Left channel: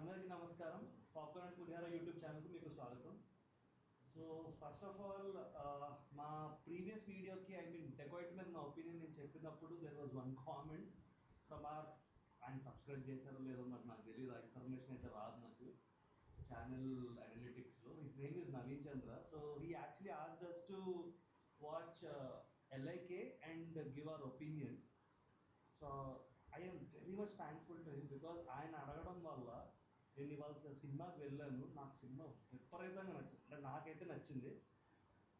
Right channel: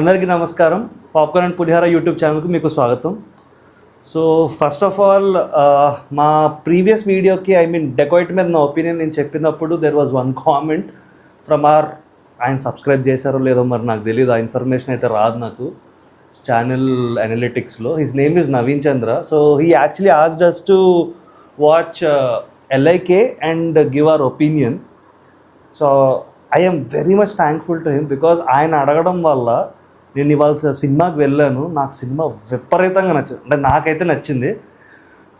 అందరికీ నమస్కారం. Popcorn and pulihora YouTube ఛానల్కి మీకు స్వాగతం. సో ఫస్ట్ ఆఫ్ ఆల్ మా ప్రీవియస్ వీడియోకి డెకాయిట్ మీద నా ఒపీనియన్ నేను చెప్పినప్పుడు there was one comment from ఆయన సబ్స్క్రైబ్ చేశారో లేదో మరి నాకు తెలియదు, ఆ ఇన్ఫర్మేషన్ అయితే రాదు నాకు ఛానల్ అనలిటిక్స్లో. His name is Naveen Chandra. So he actually asked us to watch LIK and give our opinion. So I am very much thankful to him because ఆయన అడగడం వల్ల నేను ఇవాళ సినిమాకి వెళ్ళాను. నాకు సినిమా విపరీతంగా నచ్చింది, అంటే నాకైతే నచ్చింది.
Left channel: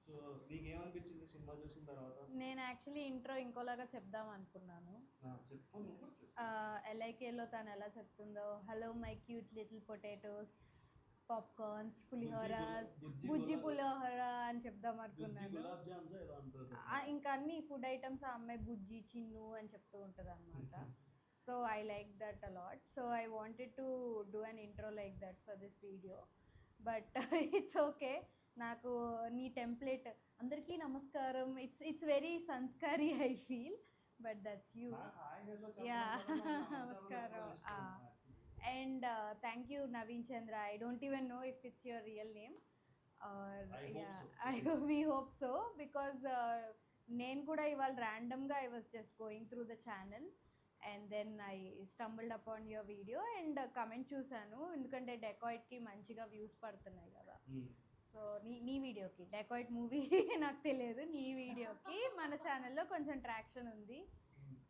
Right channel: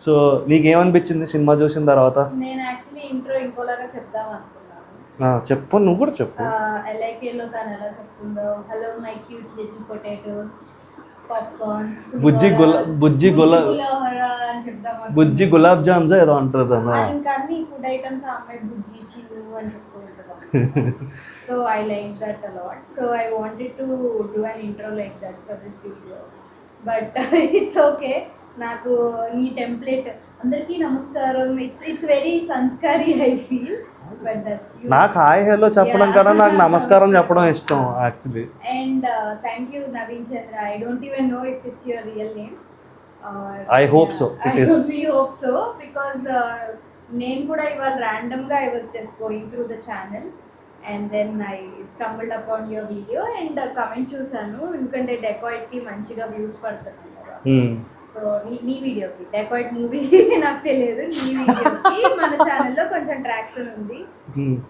సో నీకేమనిపించింది సినిమా చూసిన తర్వాత? నేను యాక్చువల్లీ ఇంట్రో ఇంకోలాగా చెప్దాం అనుకున్నాను. చెప్పు, నువ్వు కూడా చెప్పు. LIKలో తను ఎలా చెప్తుందో, hello my cute little potatoes, popcorns, Bujji gulab jams ఏదో అంటారు. ఇంకా అన్ని ఫుడ్ ఐటమ్స్ ఆ అమ్మాయి బుజ్జి చిన్ను అని చెప్తూ ఉంటుంది. So I like that a lot. So I wanted to do an intro like that for this video, but it's okay. నాకు నీ టెంప్లెట్ అందరికీ నమస్కారం, it's very Sanskari I feel. But that's you. నాకు హాయ్ హలో చెప్పడం కన్నా నాకు నమస్కారం చెప్పడం ఇష్టం actually. And thank you Naveen Chandra. I don't even know if it's your real name. I hope so. It is. We hope so because నేను కూడా ఇవాళ ర్యాండమ్గా I was just going through the channel and then I stumbled upon your video and comment చూసాను, ఎందుకంటే డెకాయిట్కి మంచిగా views పడుతున్నాయి కదా. So నీ వీడియోకి, డెకాయిట్ మూవీ నాకు తెలియదు, నీ వీడియోకి మన ఛానల్లో కొంచెం ట్రాక్షన్ ఉంది.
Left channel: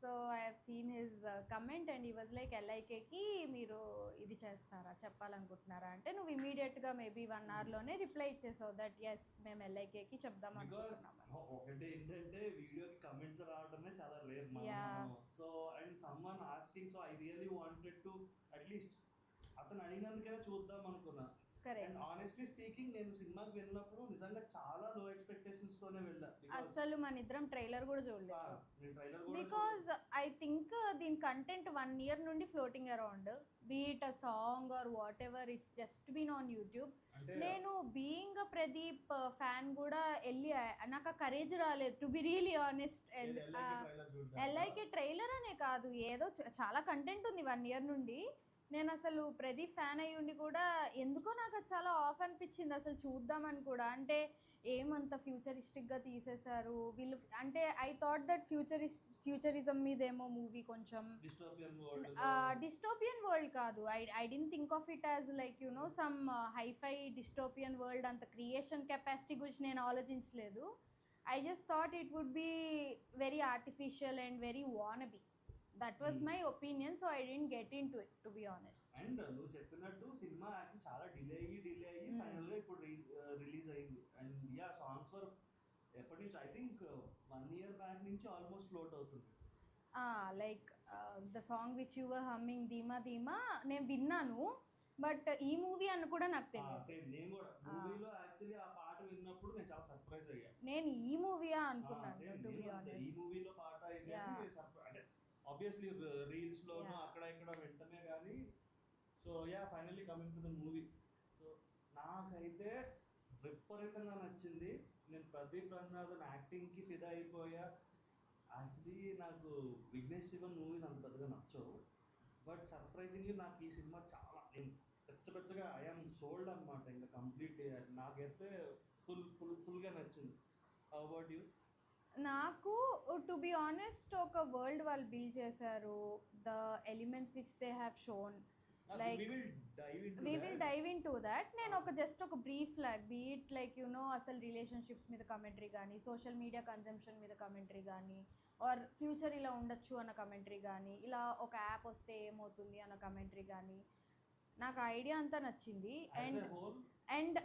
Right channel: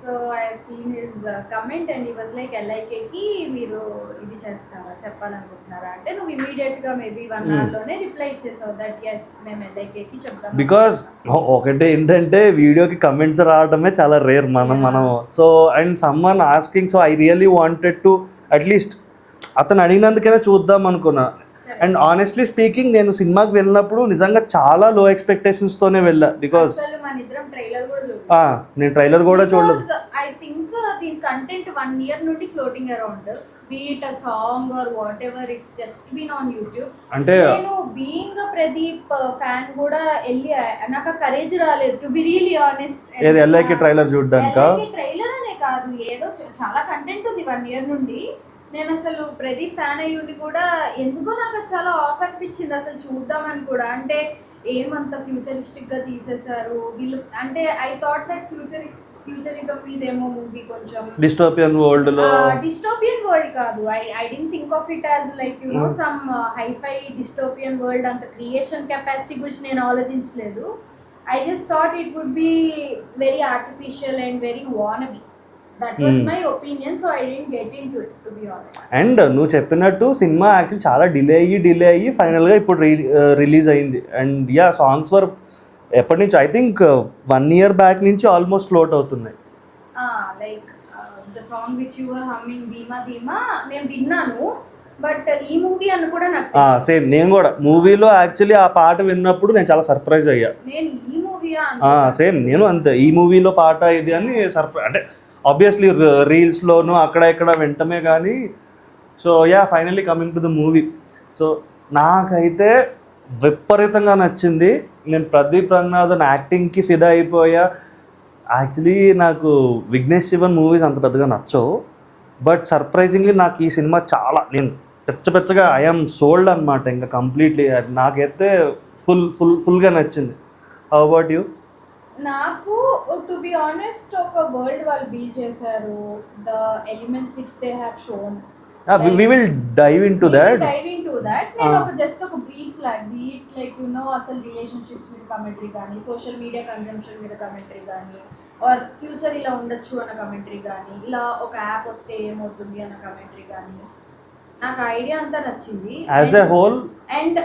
So I have seen his comment and he was like LIKకి మీరు ఇది చేస్తారా, చెప్పాలనుకుంటున్నారా అంటే నువ్వు ఇమీడియట్గా మేబీ 1 hourలోనే రిప్లై ఇచ్చేసావు దట్ ఎస్ మేము LIKకి చెప్తాం. బికాస్ ఒకటి ఏంటంటే వీడియోకి కమెంట్స్ రావడమే చాలా రేర్ మనం. So and someone asking, so I really wanted to at least అతను అడిగినందుకైనా చూద్దాం అనుకున్నా. అండ్ ఆనెస్ట్లీ స్పీకింగ్ నేను సినిమాకి వెళ్ళినప్పుడు నిజంగా చాలా లో ఎక్స్పెక్టేషన్స్తోనే వెళ్ళా. బికాస్ నేను ట్రైలర్ కూడా చూడలేదు. ఐ థింక్ దీని కంటెంట్ 1 year నుండి floating around, be it a song or whatever, it's just been on YouTube. అంటే నేను బీయింగ్ ప్రదీప్ ఫ్యాన్ కూడా వెళ్ళి నాకు కరేజ్ రాలేదు టు బి రియల్లీ ఆనెస్ట్. ఏది LIK ట్రైలర్ చూడడానికా? ట్రైలర్ అనే కాదు, ఏదో చాలా కంటెంట్ ఉంది 1 year నుండి. నేను అసలు ప్రదీప్ ఫ్యాన్ అయ్యుండి కూడా ఎందుకో నాకు చాలా ఆఫ్ అనిపించింది అసలు చూద్దామని కూడా. అంటే ఏమంత ఫ్యూచరిస్టిక్గా తీసేశారు వీళ్ళు, అంటే ఐ థాట్ దట్ ఫ్యూచరిజం మీదేమో మూవీ కొంచెం డిస్టోపియన్ వరల్డ్ కాదు. I don't think of it as like you know some hi fi dystopian world. అంత క్రియేషన్ కెపాసిటీ గురించి నేను ఆలోచించలేదు. I just thought it would be very artificial and very wannabe. That was my opinion, so I didn't get into it, to be honest. And నువ్వు చెప్పినట్టు cinema actually చాలా delay అయ్యి ఫైనల్గా ఇప్పుడు రిలీజ్ అయింది. అండ్ యా, సాంగ్స్ వర్ ఎప్పటి నుంచి I think 1 year back నుంచి ఆల్మోస్ట్ ఫ్లోట్ అవుతున్నాయి. Like the song which you were humming ధీమా ధీమా నేను విన్నాను, బట్ ఈ మూవీ అని కూడా నాకు సేమ్. నేను కూడా మూవీలో యాక్చువల్లీ ఆ పాట విన్నప్పుడు నేను చాలా సర్ప్రైజ్ అయ్యా. నేను ఈ మూవీ సేమ్ నేను అంతే, ఈ మూవీలో పాట ఇది అని సర్ప్రైజ్. అంటే ఆబ్వియస్లీ రీల్స్లోనూ అక్కడ ఇక్కడ వింటమే కానీ. So yeah, finally coming to the movie. So నాకైతే విపరీతంగా నచ్చింది. నేను ప్రదీప్ రంగనాథన్ యాక్టింగ్కి ఫిదా అయిపోయా. యాక్చువల్లీ నాకు విఘ్నేష్ శివన్ మూవీస్ అంత పెద్దగా నచ్చవు, బట్ సర్ప్రైజింగ్లీ నాకు ఈ సినిమా చాలా, నేను పెచ్చగా ఐఎమ్ సోల్డ్ అనమాట ఇంకా కంప్లీట్లీ. నాకైతే ఫుల్గా నచ్చింది. How about you? నాకు టు బి ఆనెస్ట్ ఒక వరల్డ్ వాళ్ళు బిల్డ్ చేశారు. The elements which they have shown, we will dive into that. నేను ఒక జస్ట్ ఒక బ్రీఫ్ లైక్ యు నో అసలు రిలేషన్షిప్స్ మీద కమెంటరీ కానీ, సోషల్ మీడియా కన్జంప్షన్ మీద కమెంటరీ కానీ, ఆర్ ఫ్యూచర్ ఇలా ఉండొచ్చు అన్న కమెంటరీ కానీ, ఇలా ఒక యాప్ వస్తే ఏమవుతుంది అన్న కమెంటరీ కానీ, నాకు ఐడియా అంతా నచ్చింది యాజ్ ఎ హోల్. అండ్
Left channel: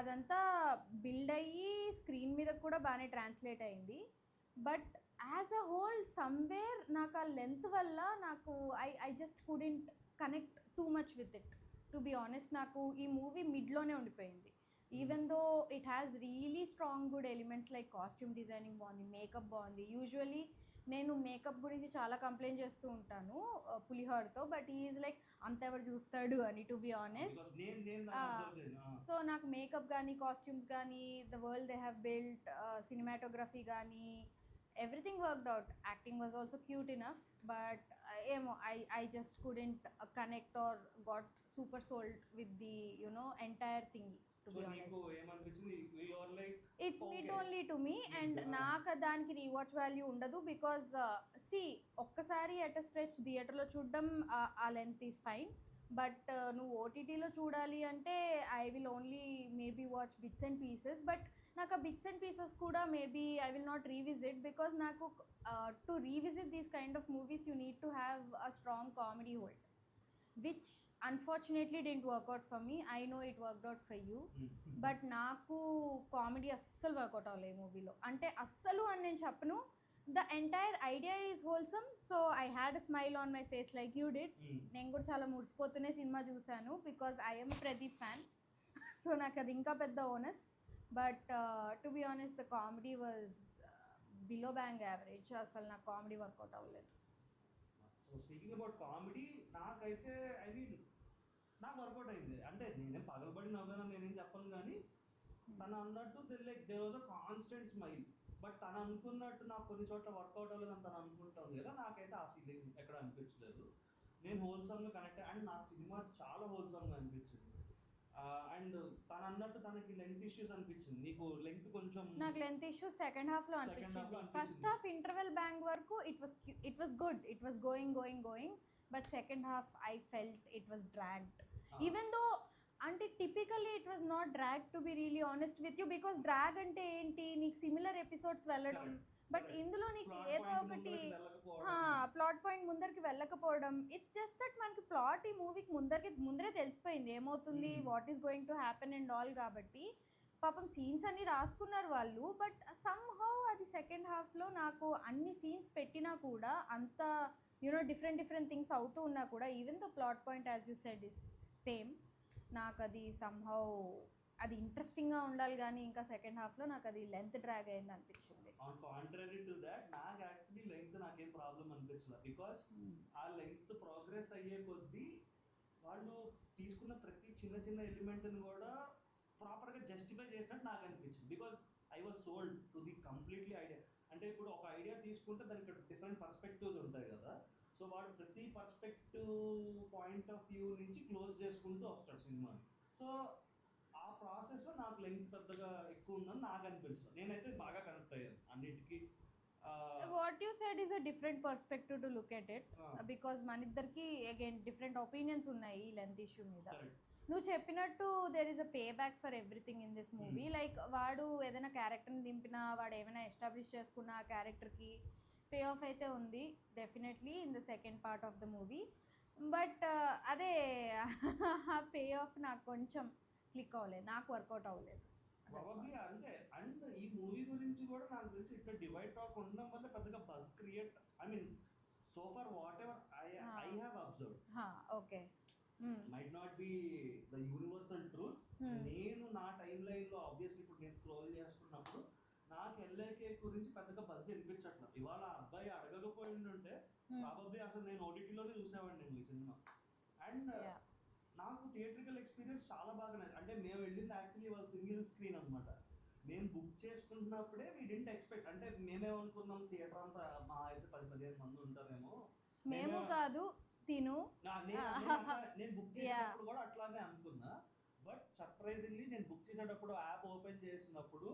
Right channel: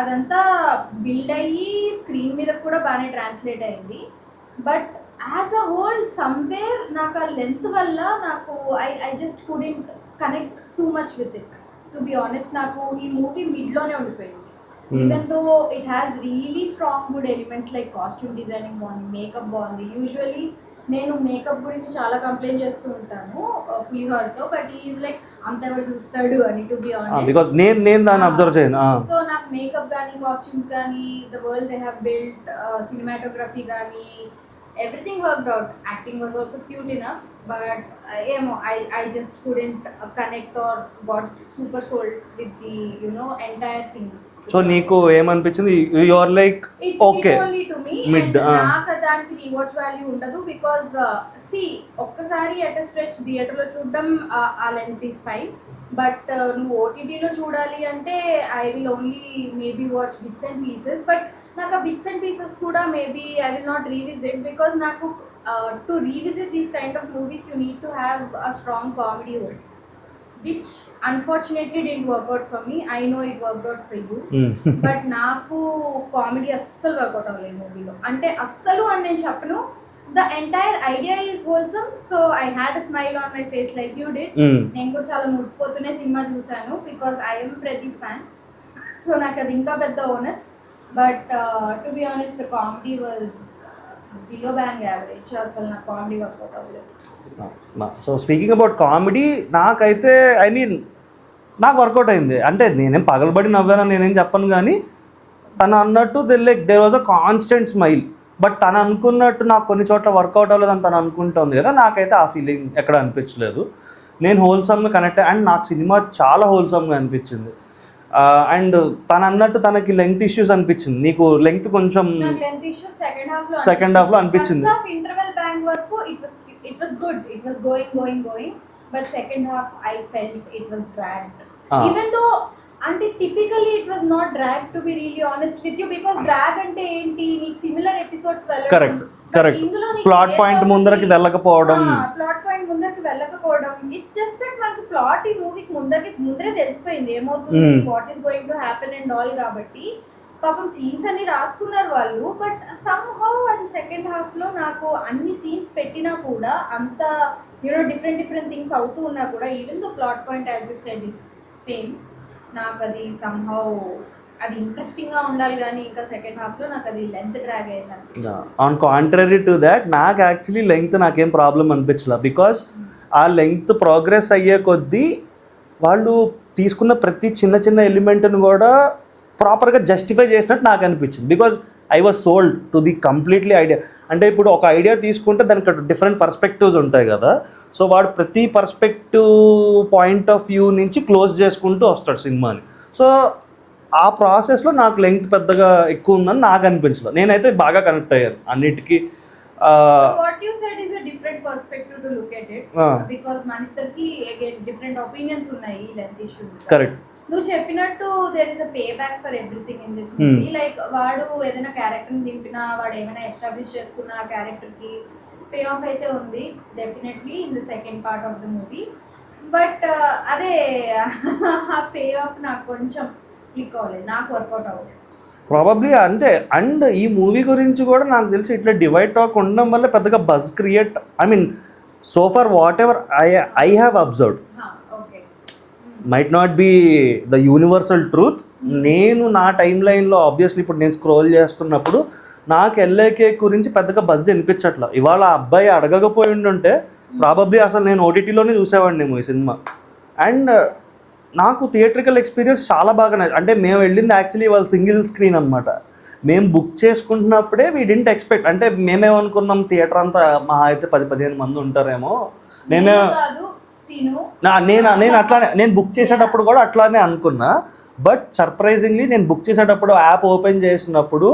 అదంతా బిల్డ్ అయ్యి స్క్రీన్ మీద కూడా బాగానే ట్రాన్స్లేట్ అయింది. But as a whole somewhere నాకు ఆ లెంత్ వల్ల నాకు I just couldn't connect too much with it, to be honest. నాకు ఈ మూవీ మిడ్లోనే ఉండిపోయింది. Even though it has really strong good elements like costume designing బాగుంది, మేకప్ బాగుంది. యూజువలీ నేను మేకప్ గురించి చాలా కంప్లైంట్ చేస్తూ ఉంటాను పులిహోరతో, బట్ ఈజ్ లైక్ అంత ఎవరు చూస్తాడు అని, టు బి ఆనెస్ట్. బికాజ్ నేను దాన్ని అబ్జర్వ్ చేయను. సో నాకు మేకప్ కానీ, కాస్ట్యూమ్స్ కానీ, the world they have built, cinematography కానీ, everything worked out. Acting was also cute enough, but I just couldn't connect or got super sold with the entire thing. So నీకు ఏమనిపించింది? You are like It's okay mid only to me, mid. and నాకు దానికి rewatch value ఉండదు because ఒక్కసారి at stretch థియేటర్లో చూడడం ఆ length is fine, but నువ్వు ఓటీటీలో చూడాలి అంటే I will only maybe watch bits and pieces. But నాకు ఆ బిట్స్ అండ్ పీసెస్ కూడా maybe I will not revisit because నాకు to revisit these kind of movies you need to have a strong comedy hold, which unfortunately didn't work out for me. I know it worked out for you. But నాకు comedy అస్సలు work out అవ్వలేదు మూవీలో. అంటే అస్సలు అని నేను చెప్పను, the entire idea is wholesome, so I had a smile on my face like you did. నేను కూడా చాలా మురిసిపోతూనే సినిమా చూశాను because I'm Pradeep fan, so నాకు అది ఇంకా పెద్ద onus. But to be honest the comedy was below bang average. అసలు నాకు కామెడీ వర్కౌట్ అవ్వలేదు. సో స్పీకింగ్ అబౌట్ కామెడీ, నాకైతే ఐ మీన్ నాకు వర్కౌట్ అయింది. అంటే నేనేం పగలబడి నవ్వానని నేనేం చెప్పను, కానీ తను అన్నట్టు there was a constant smile. But తను అనుకున్నట్టు నాకు కొన్ని చోట్ల వర్కౌట్ అవ్వలేదని తను అనుకుంటుంది కదా, నాకైతే ఆ ఫీలింగ్ ఎక్కడ అనిపించలేదు. నేను హోల్సమ్గా కనెక్ట్ అండ్ నాకు సినిమా చాలా హోల్సమ్గా అనిపించింది. అండ్ తను అన్నట్టు తనకి లెంగ్త్ ఇష్యూస్ అనిపించింది. నీకు లెంగ్త్ కొంచెం సెకండ్ హాఫ్ లో అనిపించింది. ఇంటర్వెల్ బ్యాంక్ వరకు it was good, it was going, but second half I felt it was dragged. Even though అంటే typically it was not dragged, to be really honest with you, because drag అంటే ఏంటి, నీకు similar episodes వెళ్ళడం, correct plot point ముందరకి వెళ్ళకపోవడం, it's just that మనకి plot ఈ మూవీకి ముందరే తెలిసిపోయింది ఏమవుతుంది, what is going to happen and all. కాబట్టి పాపం సీన్స్ అన్ని రాసుకున్నారు వాళ్ళు, బట్ సమ్ హౌ అది సెకండ్ హాఫ్ లో నాకు అన్ని సీన్స్ పెట్టినా కూడా అంత డిఫరెంట్ థింగ్స్ అవుతూ ఉన్నా కూడా, even though plot point as you said is same, నాకు అది సమ్ హౌ అది ఇంట్రెస్టింగ్ గా ఉండాలి, కానీ ఇంకా సెకండ్ హాఫ్ లో నాకు అది లెంత్ డ్రాగ్ అయింది. ఆన్ కాంట్రరీ టు దాట్, నాకు యాక్చువల్లీ లెంగ్త్ నాకేం ప్రాబ్లం అనిపించలే. బికాస్ ఆ లెంగ్త్ ప్రోగ్రెస్ అయ్యే కొద్దీ వాళ్ళు తీసుకున్న ప్రతి చిన్న ఎలిమెంట్ని కూడా ప్రాపర్గా జస్టిఫై చేసినట్టు నాకు అనిపించింది. Because I was sold to the completely idea. అంటే ఇప్పుడు ఒక ఐడియా తీసుకుంటే దానికి డిఫరెంట్ పర్స్పెక్టివ్స్ ఉంటాయి కదా, సో వాడు ప్రతి పర్స్పెక్టివ్ పాయింట్ ఆఫ్ వ్యూ నుంచి క్లోజ్ చేసుకుంటూ వస్తాడు సినిమాని. సో ఆ ప్రాసెస్లో నాకు లెంగ్త్ పెద్దగా ఎక్కువ ఉందని నాకు అనిపించలేదు. నేనైతే బాగా కనెక్ట్ అయ్యాను అన్నిటికీ. What you said is a different perspective to look at it, because మన ఇద్దరికి అగైన్ డిఫరెంట్ ఒపీనియన్స్ ఉన్నాయి లెంత్ ఇష్యూ. కరెక్ట్. నువ్వు చెప్పినట్టు there is a pay back for everything in this movie. Like వాడు ఏదైనా క్యారెక్టర్ని దింపినా, వాడు ఏమైనా ఎస్టాబ్లిష్ చేసుకున్న ఆ క్యారెక్టర్కి పే ఆఫ్ అయితే ఉంది definitely in the second part of the movie. But అదే ఆ పే ఆఫ్ నాకు కొంచెం క్లిక్ అవ్వలేదు, నాకు వర్కౌట్ అవ్వలేదు ప్రాబబ్లీ. అంతే. అండ్ ఈ మూవీ గురించి కూడా నాకు తెలిసి ఇట్లా డివైడ్ టాక్ ఉండడం వల్ల పెద్దగా buzz create, I mean so far what ever I have observed, might not be the universal truth. నేను నా టైం లైన్లో ఆబ్వియస్లీ ఇప్పుడు నేను స్క్రోల్ చేస్తున్నప్పుడు నాకు ఎల్ఏకే గురించి పెద్దగా బజ్ అనిపించట్లా. ఇవాళ అబ్బాయి అడగకపోయి ఉంటే ప్రాబబ్లీ అసలు నేను ఓటీటీలోనే చూసేవాడిని ఈ సినిమా. అండ్ నాకు థియేట్రికల్ ఎక్స్పీరియన్స్ చాలా బాగా అంటే మేము వెళ్ళింది యాక్చువల్లీ ఇవాళ సింగిల్ స్క్రీన్ అనమాట. మేము బుక్ చేసుకుంటున్నప్పుడే వీ డింట్ ఎక్స్పెక్ట్, అంటే మేమేమనుకున్నాం థియేటర్ అంతా మహా అయితే 10-15 మంది ఉంటారేమో. నేను అట్లానే నేను బుక్ చేసేటప్పుడు కూడా అట్లానే అనుకున్నా. బట్ సర్ప్రైజింగ్లీ నేను బుక్ చేసేటప్పుడు యాప్ ఓపెన్ చేసినప్పుడు,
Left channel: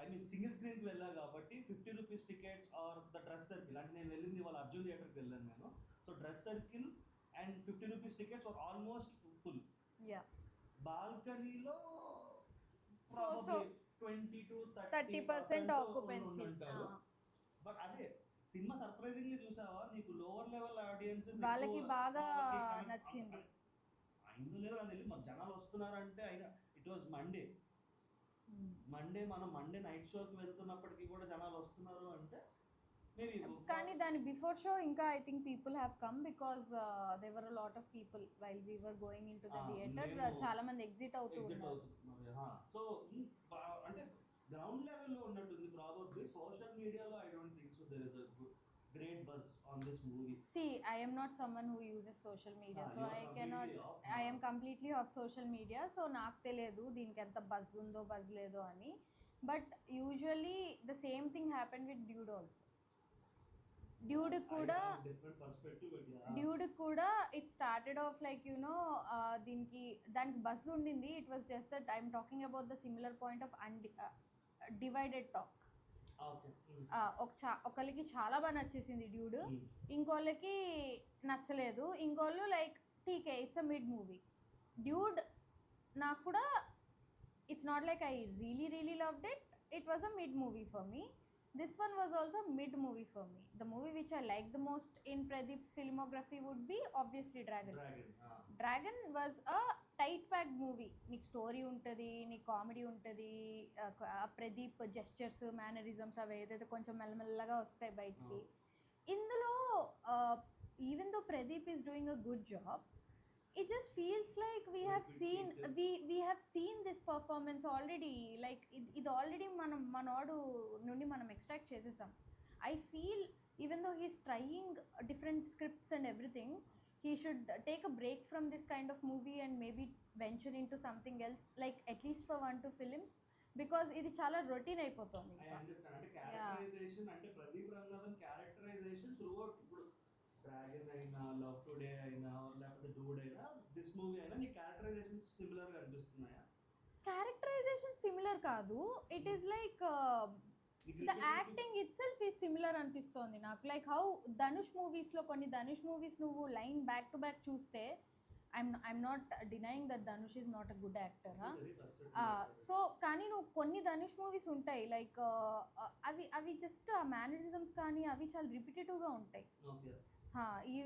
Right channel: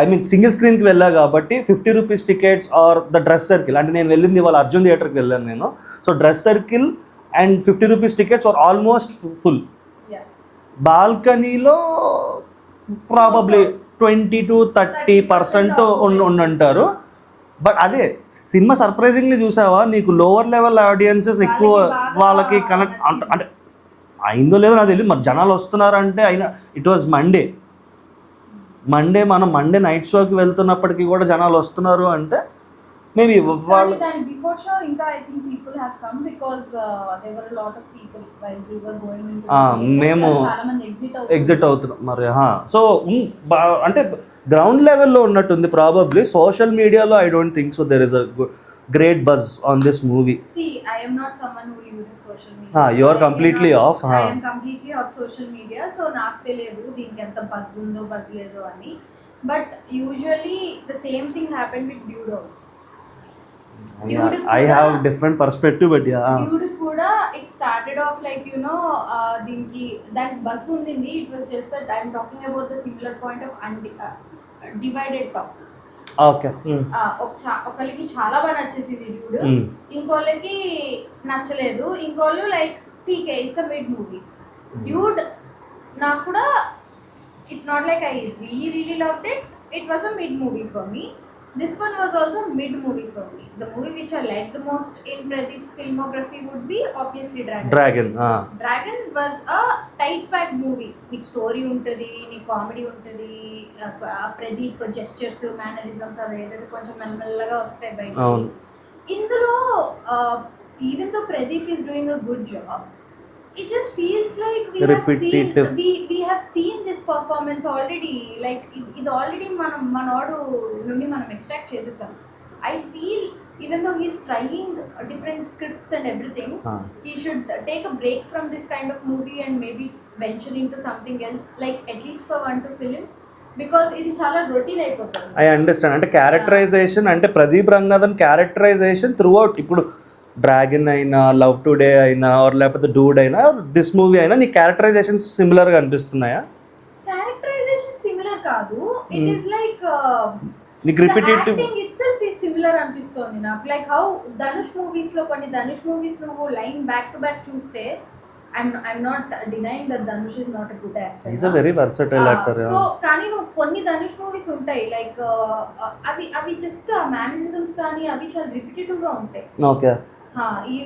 ఐ మీన్ సింగిల్ స్క్రీన్కి వెళ్ళా కాబట్టి 50 rupees tickets are the dress circle, అంటే నేను వెళ్ళింది ఇవాళ అర్జున్ థియేటర్కి వెళ్ళాను నేను. So dress circle and 50 rupees tickets are almost full. బాల్కనీలో ప్రాబబ్లీ 20-30% ఉండుంటారు. బట్ అదే సినిమా సర్ప్రైజింగ్లీ చూసావా, నీకు లోవర్ లెవెల్ ఆడియన్సెస్ ఎక్కువ వాళ్ళకి కనెక్ట్ అంటే అయిందో లేదో నాకు తెలియదు. మరి జనాలు వస్తున్నారంటే అయినా ఇట్ వాజ్ మండే మనం మండే నైట్ షోకి వెళ్తున్నప్పటికీ కూడా జనాలు వస్తున్నారు అంటే మేబీ వాళ్ళు బిఫోర్ షో ఇంకా I think people have come because there were lot of people while we were going మేము చాలా మంది ఎగ్జిట్ అవుతున్నాం మరి. సో అంటే గ్రౌండ్ లెవెల్లో ఉన్నట్టుంది ప్రాబబ్లీ. సోషల్ మీడియాలో I don't think so there is a great buzz on this movie. See, I am not someone who uses social media. You are completely off. I am completely off social media, so నాకు తెలియదు దీనికి ఎంత buzz ఉందో buzz లేదో అని. But usually the same thing happen with dude also. I have different perspective, but yeah. Dude కూడా it started off like దీనికి దానికి బస్ ఉండింది. It was just that I'm talking about the similar point of divided talk. Okay. ఒకరికి చాలా బాగా నచ్చేసింది dude, ఇంకోళ్ళకి నచ్చలేదు, ఇంకోళ్ళు లైక్ ఠీకే it's a mid movie. Dude నాకు కూడా it's not like I really loved it, it was a mid movie for me. This one was also mid movie for me. The movie which I like the most in Pradeep's filmography would be obviously Dragon. Dragon was a tight-packed movie. Nik story untadi, nik comedy untadi, Pradeep gestures, mannerisms are there. Koncham melmelaga vastayi bayiki. Indulo even though Pradeep is doing a good job, it just feels like we have seen this performance already. Like ఇది already మనోడు నుండి మనం extract చేసేసాం. I feel even though he's trying different scripts and everything, he should take a break from this kind of movie and maybe venture into something else, like at least for 1-2 films, because ఇది చాలా routine అయిపోతుంది. I understand. అంటే characterization అంటే Pradeep Ranganathan characterization throughout, ఇప్పుడు Dragon అయినా, Love Today అయినా, or లేకపోతే Dude అయినా, దిస్ మూవీ అయినా, నీ క్యారెక్టరైజేషన్ సిమిలర్ గా అనిపిస్తున్నాయా? క్యారెక్టరైజేషన్ సిమిలర్ కాదు, ఇట్ ఇస్ లైక్ నీకు repetitive acting itself is similar అనిపిస్తుంది నాకు. లైక్ హౌ ధనుష్ మూవీస్ లో కొన్ని ధనుష్ మూవీస్ నువ్వు లైన్ బ్యాక్ టు బ్యాక్ చూస్తే, I'm not denying that Dhanush is not a good actor. He's a very versatile actor. So కానీ నువ్వు కొన్ని ధనుష్ మూవీస్ ఉంటాయి లైక్ అవి జస్ట్ ఆ మేనరిజమ్స్ కానీ అవి చాలా రిపిటేటివ్ గా ఉంటాయి. ఓకే. ఈ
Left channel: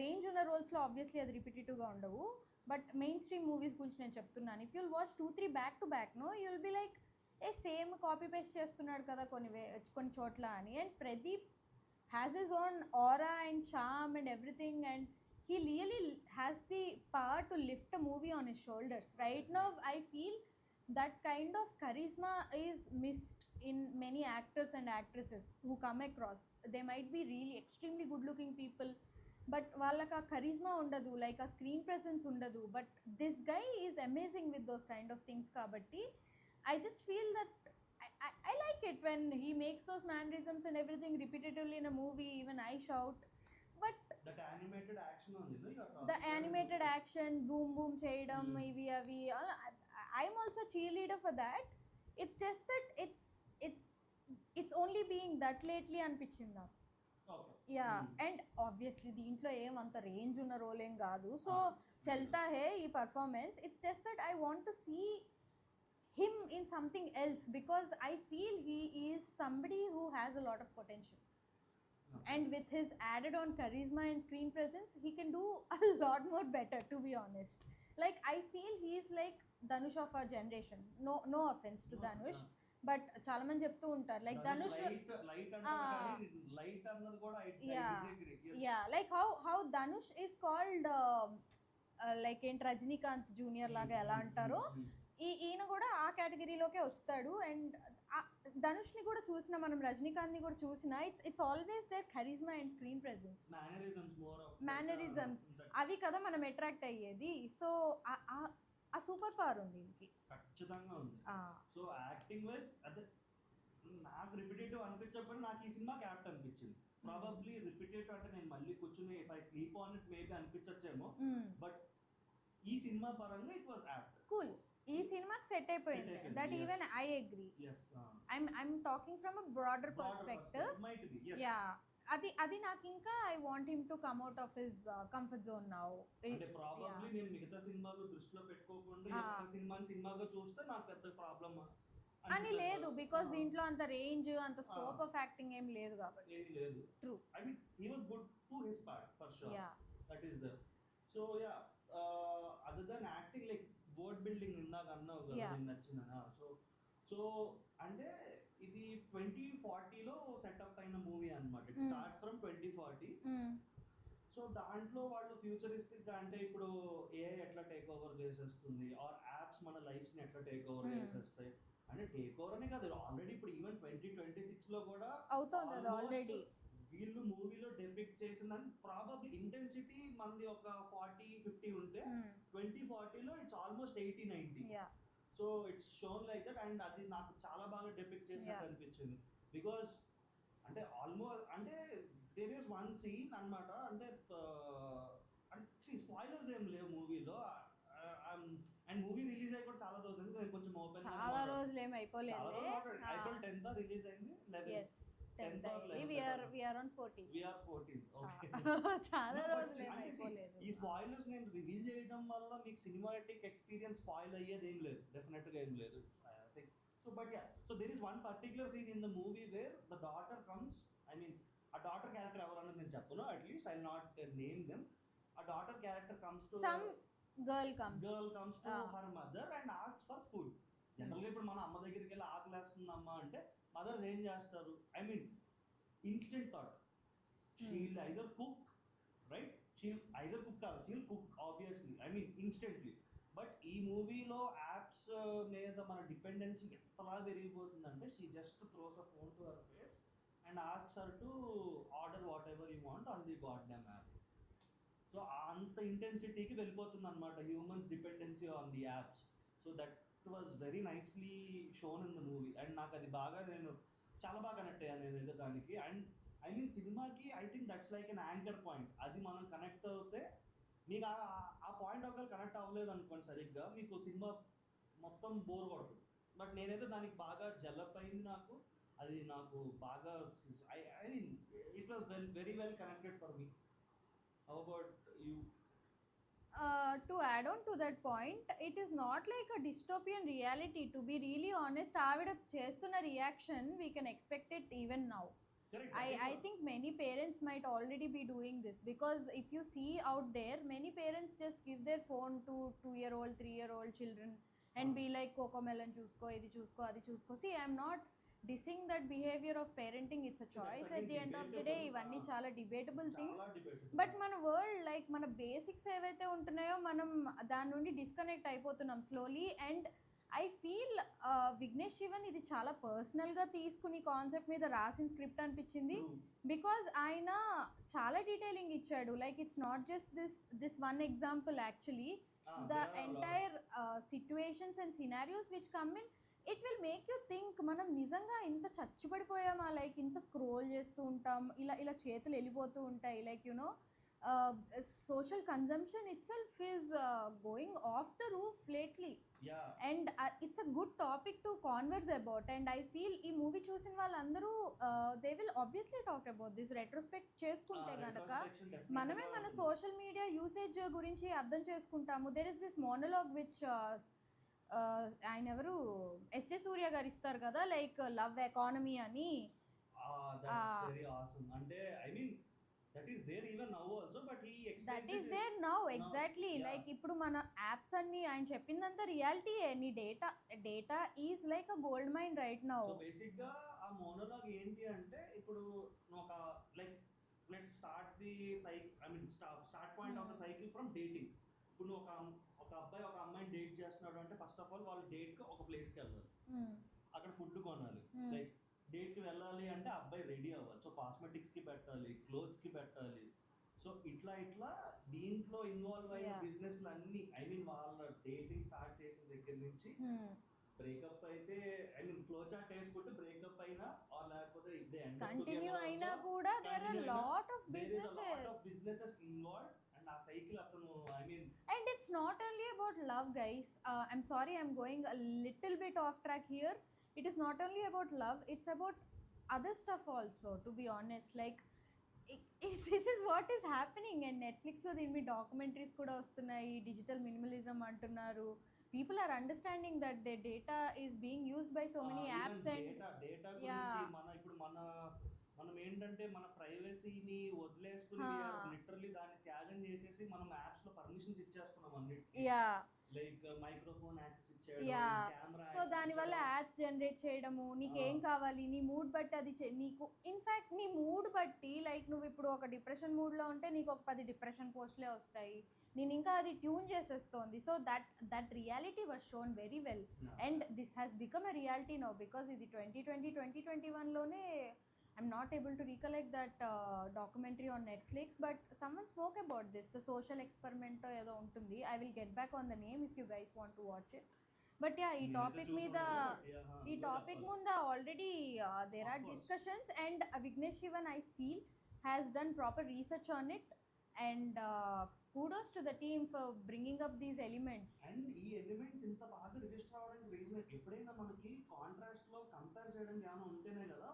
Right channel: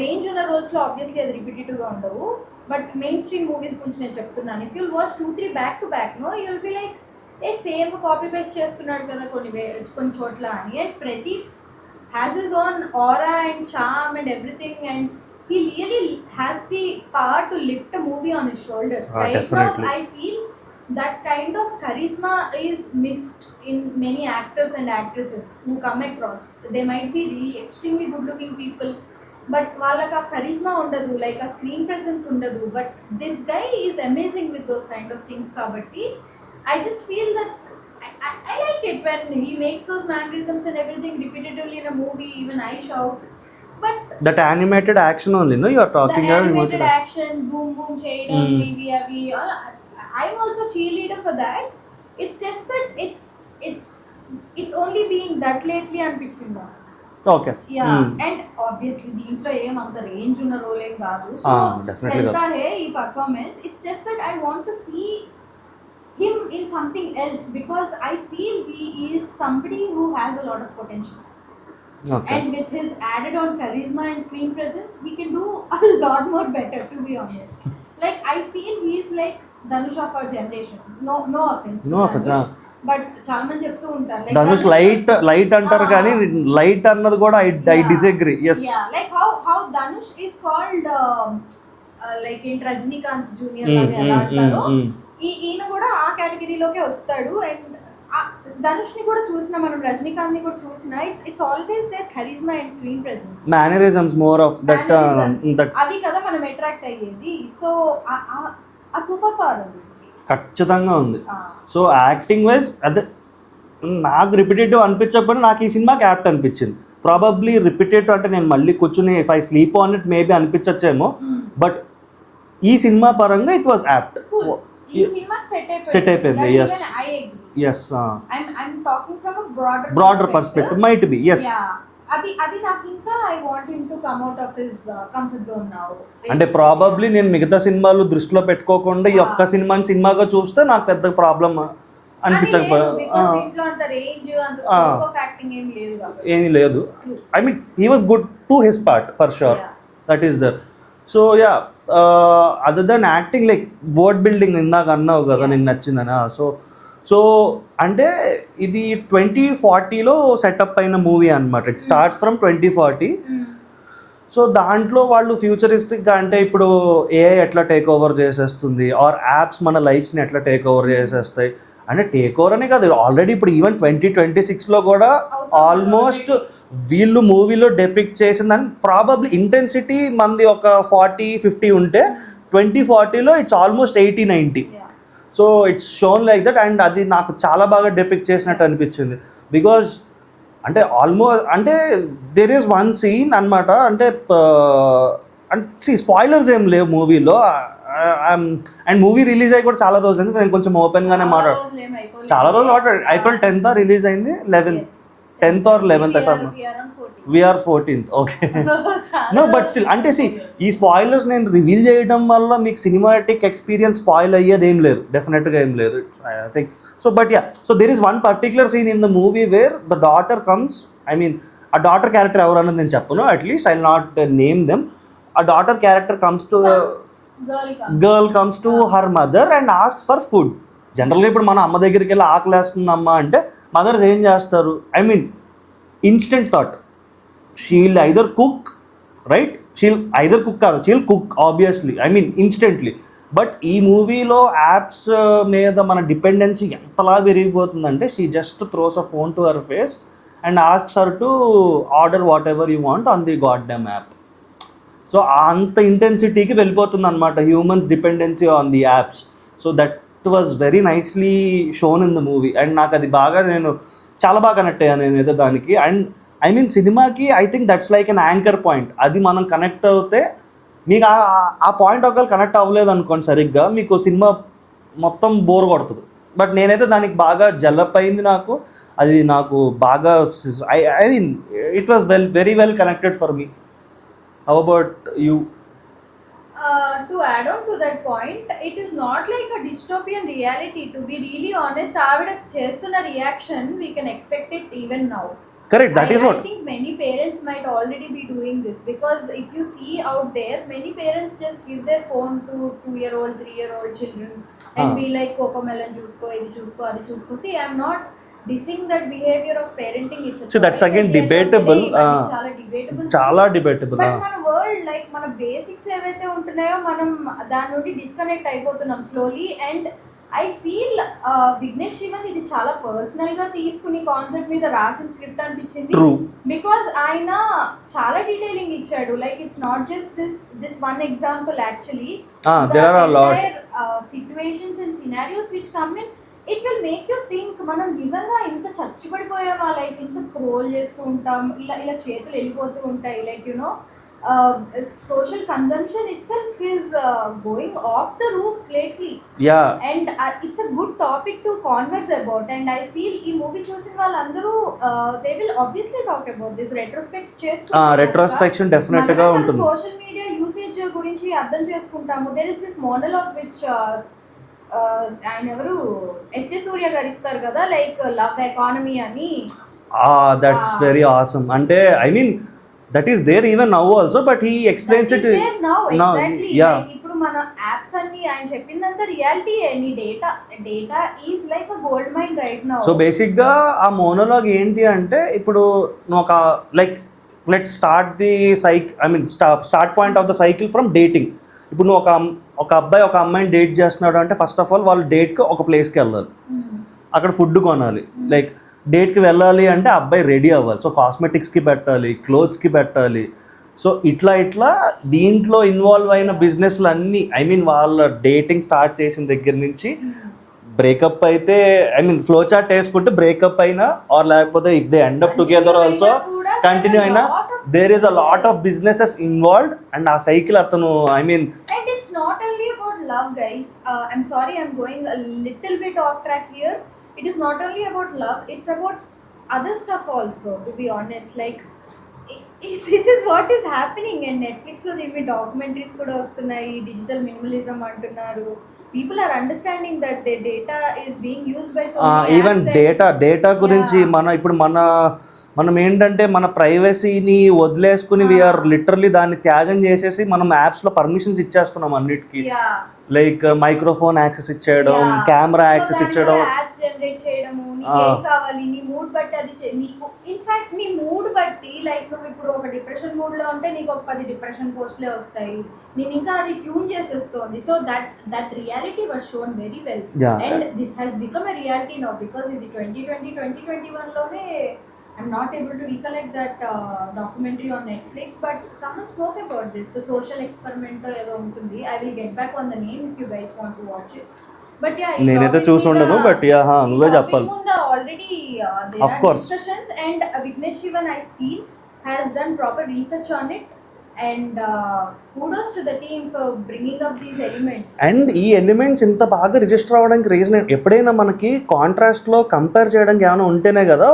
రేంజ్ ఉన్న రోల్స్ లో ఆబ్వియస్లీ అది రిపిటేటివ్ గా ఉండవు, బట్ మెయిన్ స్ట్రీమ్ మూవీస్ గురించి నేను చెప్తున్నాను. If you'll watch 2-3 back to back no, you will be like a same copy paste చేస్తున్నాడు కదా కొన్ని చోట్ల అని. And Pradeep has his own aura and charm and everything, and he really has the power to lift a movie on his shoulders. Right Definitely. now I feel that kind of charisma is missed in many actors and actresses who come across. They might be really extremely good looking people, but వాళ్ళకి ఆ charisma ఉండదు, like a screen presence ఉండదు. But this guy is amazing with those kind of things. Kabatti I just feel that I like it when he makes those mannerisms and everything repetitively in a movie. Even I shout. But that animated action only, no, you are talking the animated action, boom boom cheyadam, ivi avi, I'm also cheerleader for that. It's just that it's only being that lately anpichindi. Okay. Yeah. And obviously deentlo em anta range unna role em kaadu, so chenta hai ee performance. It's just that I want to see him in something else, because I feel he is somebody who has a lot of potential. Okay. And with his added on charisma and screen presence, he can do a lot more better, to be honest. Like I feel he is like Dhanush of our generation. No offense. No offense. But చాలా మంది చెప్తూ ఉంటారు like Dhanush light అంటారు కానీ light అన్నది కూడా I disagree. Yes. Yeah, like how Dhanush is called like in Rajinikanth Junior లాగా ఎలా అంటారో, ఈయన కూడా ఆ కేటగిరీలోకే వస్తాడు. అండ్ ధనుష్ ని కూడా చూసినా, మనం రజనీకాంత్ ని కూడా చూసినా, it's always there charisma and screen presence, mannerisms more of that అవి కదా మనం అట్రాక్ట్ అయ్యేది. సో ఆ సూపర్ పవర్ ఉంది, ఖచ్చితంగా ఉంది. సో యాక్టింగ్ వైజ్ అదే నాకు రిపిటేటివ్ అనిపించకపోయినా నాకు ఈ సినిమాకి యాప్ట్ అనిపించింది. ప్రాబబ్లీ రిపిటేటివ్ అంటే నేను మళ్ళీ కూర్చుని if I sleep on it maybe అనిపించచ్చేమో, బట్ ఈ సినిమా పరంగా ఇట్ వాజ్ యాప్ట్. ఈ సినిమాకి సెట్ అయిపోయింది. yes yes I'm talking from a broader perspective might be. Yes. Yeah, అది నాకు ఇంకా I want him to come out of his comfort zone now. అంటే ప్రాబబ్లీ నేను మిగతా సినిమాలు దృష్టిలో పెట్టుకోకుండా ఈ ఒక్క సినిమాగా చూస్తే నాకు పెద్ద ప్రాబ్లం అనిపించకపోయింది. దీంట్లో అంత రేంజ్ అంత స్కోప్ ఆఫ్ యాక్టింగ్ ఏమీ లేదు. I mean he was good to his part for sure, that is there. So ya, other than acting like world building ఇందాక అన్నావు కదా నీకు నచ్చిందనా. సో అంటే ఇది 2040లో సెటప్ అయిన మూవీ అనమాట. It starts from 2040. సో దాంట్లో వాళ్ళు ఫ్యూచరిస్టిక్గా అంటే ఇప్పుడు ఏఐ ఎట్లా టేక్ ఓవర్ చేసేస్తుంది, ఆర్ యాప్స్ మన లైఫ్స్ని ఎట్లా టేక్ ఓవర్ చేసేస్తాయి అంటే, టేక్ ఓవర్ అనే కాదు, ఆల్రెడీ ఇప్పుడు ఈవెన్ 2026లో కూడా ఆల్మోస్ట్ వీళ్ళు మూవీలో డెపిక్ట్ చేసిందని ప్రాబబ్లీ ఇంటెన్సిటీ మంది ఒక 40-50 ఉంటే 2040లో it's almost 80-90. So it's shown like that, and అది నాకు చాలా బాగా డెపిక్ట్ చేసినట్టు అనిపించింది. బికాజ్ అంటే ఆల్మోస్ట్ అంటే దెర్ ఈస్ వన్ సీన్ అనమాట, అంటే అంటే స్పాయిలర్స్ ఏం లేవు మూవీలో. అండ్ మూవీ రిలీజ్ అయ్యి కూడా చాలా రోజులు అయింది, నేను కొంచెం ఓపెన్గానే చాలా రోజులు April 10th రిలీజ్ అయింది, 10th or 11th we are 14th. Okay, no but still అంటే ఈ స్పాయిలర్స్ నేను రివీల్ చేయడం వల్ల మీకు సినిమాటిక్ ఎక్స్పీరియన్స్ స్పాయిల్ అయ్యేది ఏం లేదు, డెఫినెట్గా ఏం లేదు. I think so. But yeah, so there is one particular scene in the movie where the daughter comes, I mean ఆ డాటర్ క్యారెక్టర్ ఎవరన్నది నేను చెప్పను, at least I will not name them. ఆ daughter character comes to girl comes to her mother and asks for food. జనరల్గా ఇప్పుడు మన అమ్మ దగ్గరికి వెళ్ళి ఆకలేస్తుందమ్మా అంటే మదర్స్ ఏం చేస్తారు, I mean instant thought, she'll either cook, right, she'll either cook కాదు, she'll cook obviously, I mean instantly. But ఈ మూవీలో యాప్స్ మీద మన డిపెండెన్సీ ఎంతలా పెరిగిపోతుందంటే she just throws a phone to her face and asks her to order whatever you want on the god damn app. So అంత ఇంటెన్సిటీకి వెళ్ళిపోతుంది అనమాట humans dependency on the apps. So that was very nicely shown in the movie, and నాకు అది బాగా, నేను చాలా బాగా కనెక్ట్ అయ్యాను నేనైతే దానికి. అండ్ ఐ మీన్ సినిమాకి I think that's like an anchor point. అది మనం కనెక్ట్ అవుతే మీకు ఆ పాయింట్ ఒకవేళ కనెక్ట్ అవ్వలేదు అనుకోండి సరిగ్గా, మీకు సినిమా మొత్తం బోర్ కొడుతుంది. బట్ నేనైతే దానికి బాగా జల్లప్ అయింది నాకు, అది నాకు బాగా I mean it was very well connected for me. How about you? To add on to that point, it is not like a dystopian reality. To be really honest, avida chestuna reaction we can expect it even now. Correct, that is what I think many parents might already be doing this, because if you see out there, many parents just give their phone to 2-year-old 3-year-old children and be like cocomelon chusko, idi chusko, adi chusko. See, I am not dissing that behavior of parenting. It's so that's again debatable, చాలా debatable. But మన world like మన basics ఏవైతే ఉంటున్నాయో మనం దాని నుండి disconnect అయిపోతున్నాం slowly. And I feel Vignesh Shivan ఇది చాలా పర్సనల్ గా తీసుకుని కాన్సెప్ట్ మీద రాసిన స్క్రిప్ట్ అనిపించింది. బికాజ్ ఆయన చాలా డీటెయిలింగ్ ఇచ్చాడు. Like it's not just this one example, actually there are a lot situations and scenarios which come in. It will make you think మనం నిజంగా ఇంత చచ్చిపడిపోయామా, లైక్ ఇంత స్క్రోల్ చేస్తూ ఉంటాం, ఇలా చేతులు వెళ్ళిపోతూ ఉంటాయి, like you know social consumption itself is going off the roof lately. Yeah, and it's a good topic to converse about, and I feel ee movie chusin vallandaru they will obviously talk about this retrospection definitely ga untundi. Social media usage gurinchi ardham cheskuntamu. There is this monologue which ఆయన ఎవరు SJ సూర్య గారు ఇస్తారు కదా, like love economy అని. That's very awesome. అంటే I mean that is there even now also, but he explains it now exactly. Yeah, like ఇప్పుడు మన apps అన్ని ఆయన చెప్పిందంతా reality. Any data is like a gold mine right now. So basic గా ఆ monologue ఏంటి అంటే, ఇప్పుడు నువ్వు ఒక like let start the I mean start point of the cycle from dating. ఇప్పుడు నువ్వు ఒక అబ్బాయి ఒక అమ్మాయిని డేట్ చేస్తున్నాడు అంటే ఫస్ట్ ఆఫ్ ఆల్ వాళ్ళు డేట్కి ఒక ప్లేస్కి వెళ్ళాలి, అక్కడ ఫుడ్ కొనాలి. లైక్ డేట్కి వెళ్ళాలి అంటే అబ్బాయి రెడీ అవ్వాలి, సో కాస్మెటిక్స్కి పెట్టాలి, క్లోత్స్కి పెట్టాలి. సో ఇట్లా దీంట్లో ఇన్వాల్వ్ అయిన బిజినెస్లు అన్నీ, ఐ మీన్ వాళ్ళ డేటింగ్ స్టార్ట్ చేసిన దగ్గర నుంచి బ్రేకప్ అయితే, ఐ మీన్ ఫ్లో చార్ట్ వేసుకుంటే బ్రేకప్ అయినా ఆర్ లేకపోతే if they end up together also continue అయినా, there is a lot of businesses involved. And ఆ సైకిల్ అతను, I mean and it's not only about love, guys. I'm sorry, I'm going a little bit off track here. It is not only about love, it's about other stuff also, to be honest. Like this is what is happening, and Netflix lo దీని documentaries కూడా వస్తున్నాయి. Digital minimalism అంటున్నారు. People are understanding that their data is being used by so many even apps. Data గురించి మనం ఏంటంటే మన ప్రైవసీని వదిలేసుకుని we are literally దాన్ని త్యాగం చేసేసి మనం యాప్స్లో పర్మిషన్స్ ఇచ్చేస్తున్నాం అన్నిటికీ. లైక్ మైక్రోఫోన్ యాక్సెస్ ఇచ్చేయడం, కెమెరా యాక్సెస్ ఇచ్చేయడం, యాడ్స్ జనరేట్ చేయడము, నీకు ఏం కావాలి నీ మూడ్ బట్టి అది నీకు ఇన్ఫాక్ట్ నీ మూడ్ బట్టి, లైక్ నువ్వు ఇప్పుడు ఒక డిప్రెషన్ మూడ్ లో ఉంటే నీకు ఒక 10 డిప్రెషన్ పోస్ట్లే వస్తాయి. నేను ఇంకా అది ట్యూన్ చేసేస్తోంది. So that reality was shown very well, and this has become a reality now. Because ఇది 2021 లోనే I'm not able to recollect that documentary on Netflix, but someone spoke about this, the social experiment ఏదో ఉంటుంది. I will get back on the name if you guys want to watch it. But yeah, నేనైతే చూసి ఉండను, but yeah నువ్వే చెప్పాలి. Already there Of are course. discussions, and Vignesh Shivan, I feel, has done proper research on it, and kudos to the team for bringing up these elements. And ఈ elements ఇంత బాగా register అవ్వడానికి reason ఎప్పుడైనా మనకి కాంట్రాస్ట్లో compare చేయడానికి ఏమైనా ఉంటేనే కదా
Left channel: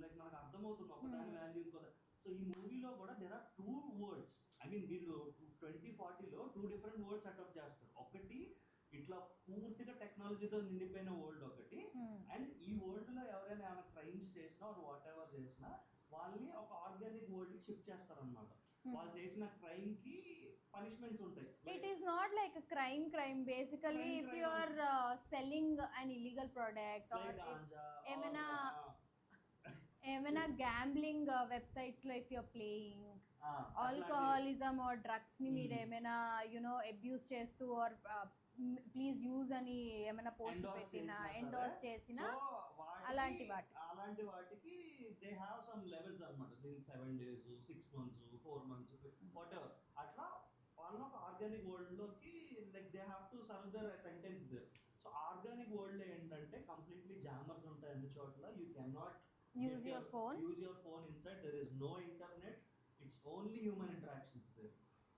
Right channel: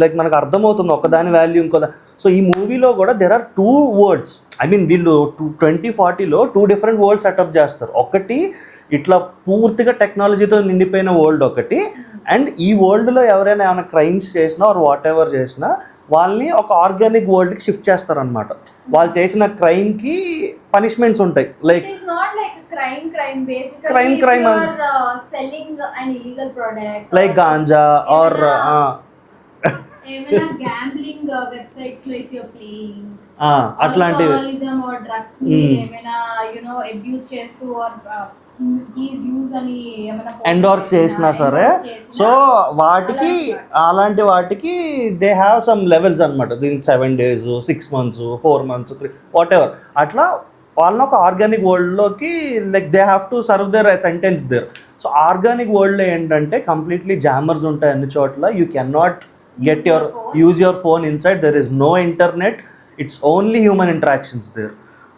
లైక్ మనకు అర్థమవుతుంది ఒకదాని వాల్యూ ఇంకో. సో ఈ మూవీలో కూడా there are 2 worlds. I mean వీళ్ళు 2040లో 2 డిఫరెంట్ వరల్డ్ సెటప్ చేస్తారు. ఒకటి ఇట్లా పూర్తిగా టెక్నాలజీతో నిండిపోయిన వరల్డ్ ఒకటి, అండ్ ఈ వరల్డ్లో ఎవరైనా ఏమైనా క్రైమ్స్ చేసినా ఆర్ వాట్ ఎవర్ చేసినా వాళ్ళని ఒక ఆర్గానిక్ వరల్డ్కి షిఫ్ట్ చేస్తారనమాట. వాళ్ళు చేసిన క్రైమ్కి పనిష్మెంట్స్ ఉంటాయి. Like it is not like a crime basically. Crime if you are selling an illegal product, లైక్ గాంజా ఆర్ ఏమైనా gambling websites లో if you are playing, అట్లాంటివి. alcoholism or drugs ఏమైనా abuse చేస్తూ or please use అని ఏమైనా endorse చేసినా సరే, సో వాటికి అలాంటి వాటికి దే హ్యావ్ సమ్ లెవెల్స్ అనమాట. దీనికి 7 days, 6 months, 4 months, 3 whatever అట్లా వాళ్ళని ఒక ఆర్గానిక్ వరల్డ్లోకి like they have to serve their sentence there. So organic వరల్డ్లో ఏంటంటే కంప్లీట్లీ జామర్స్ ఉంటాయి అన్ని చోట్ల. You can not get use your phone inside, there is no internet, it's only human interactions there.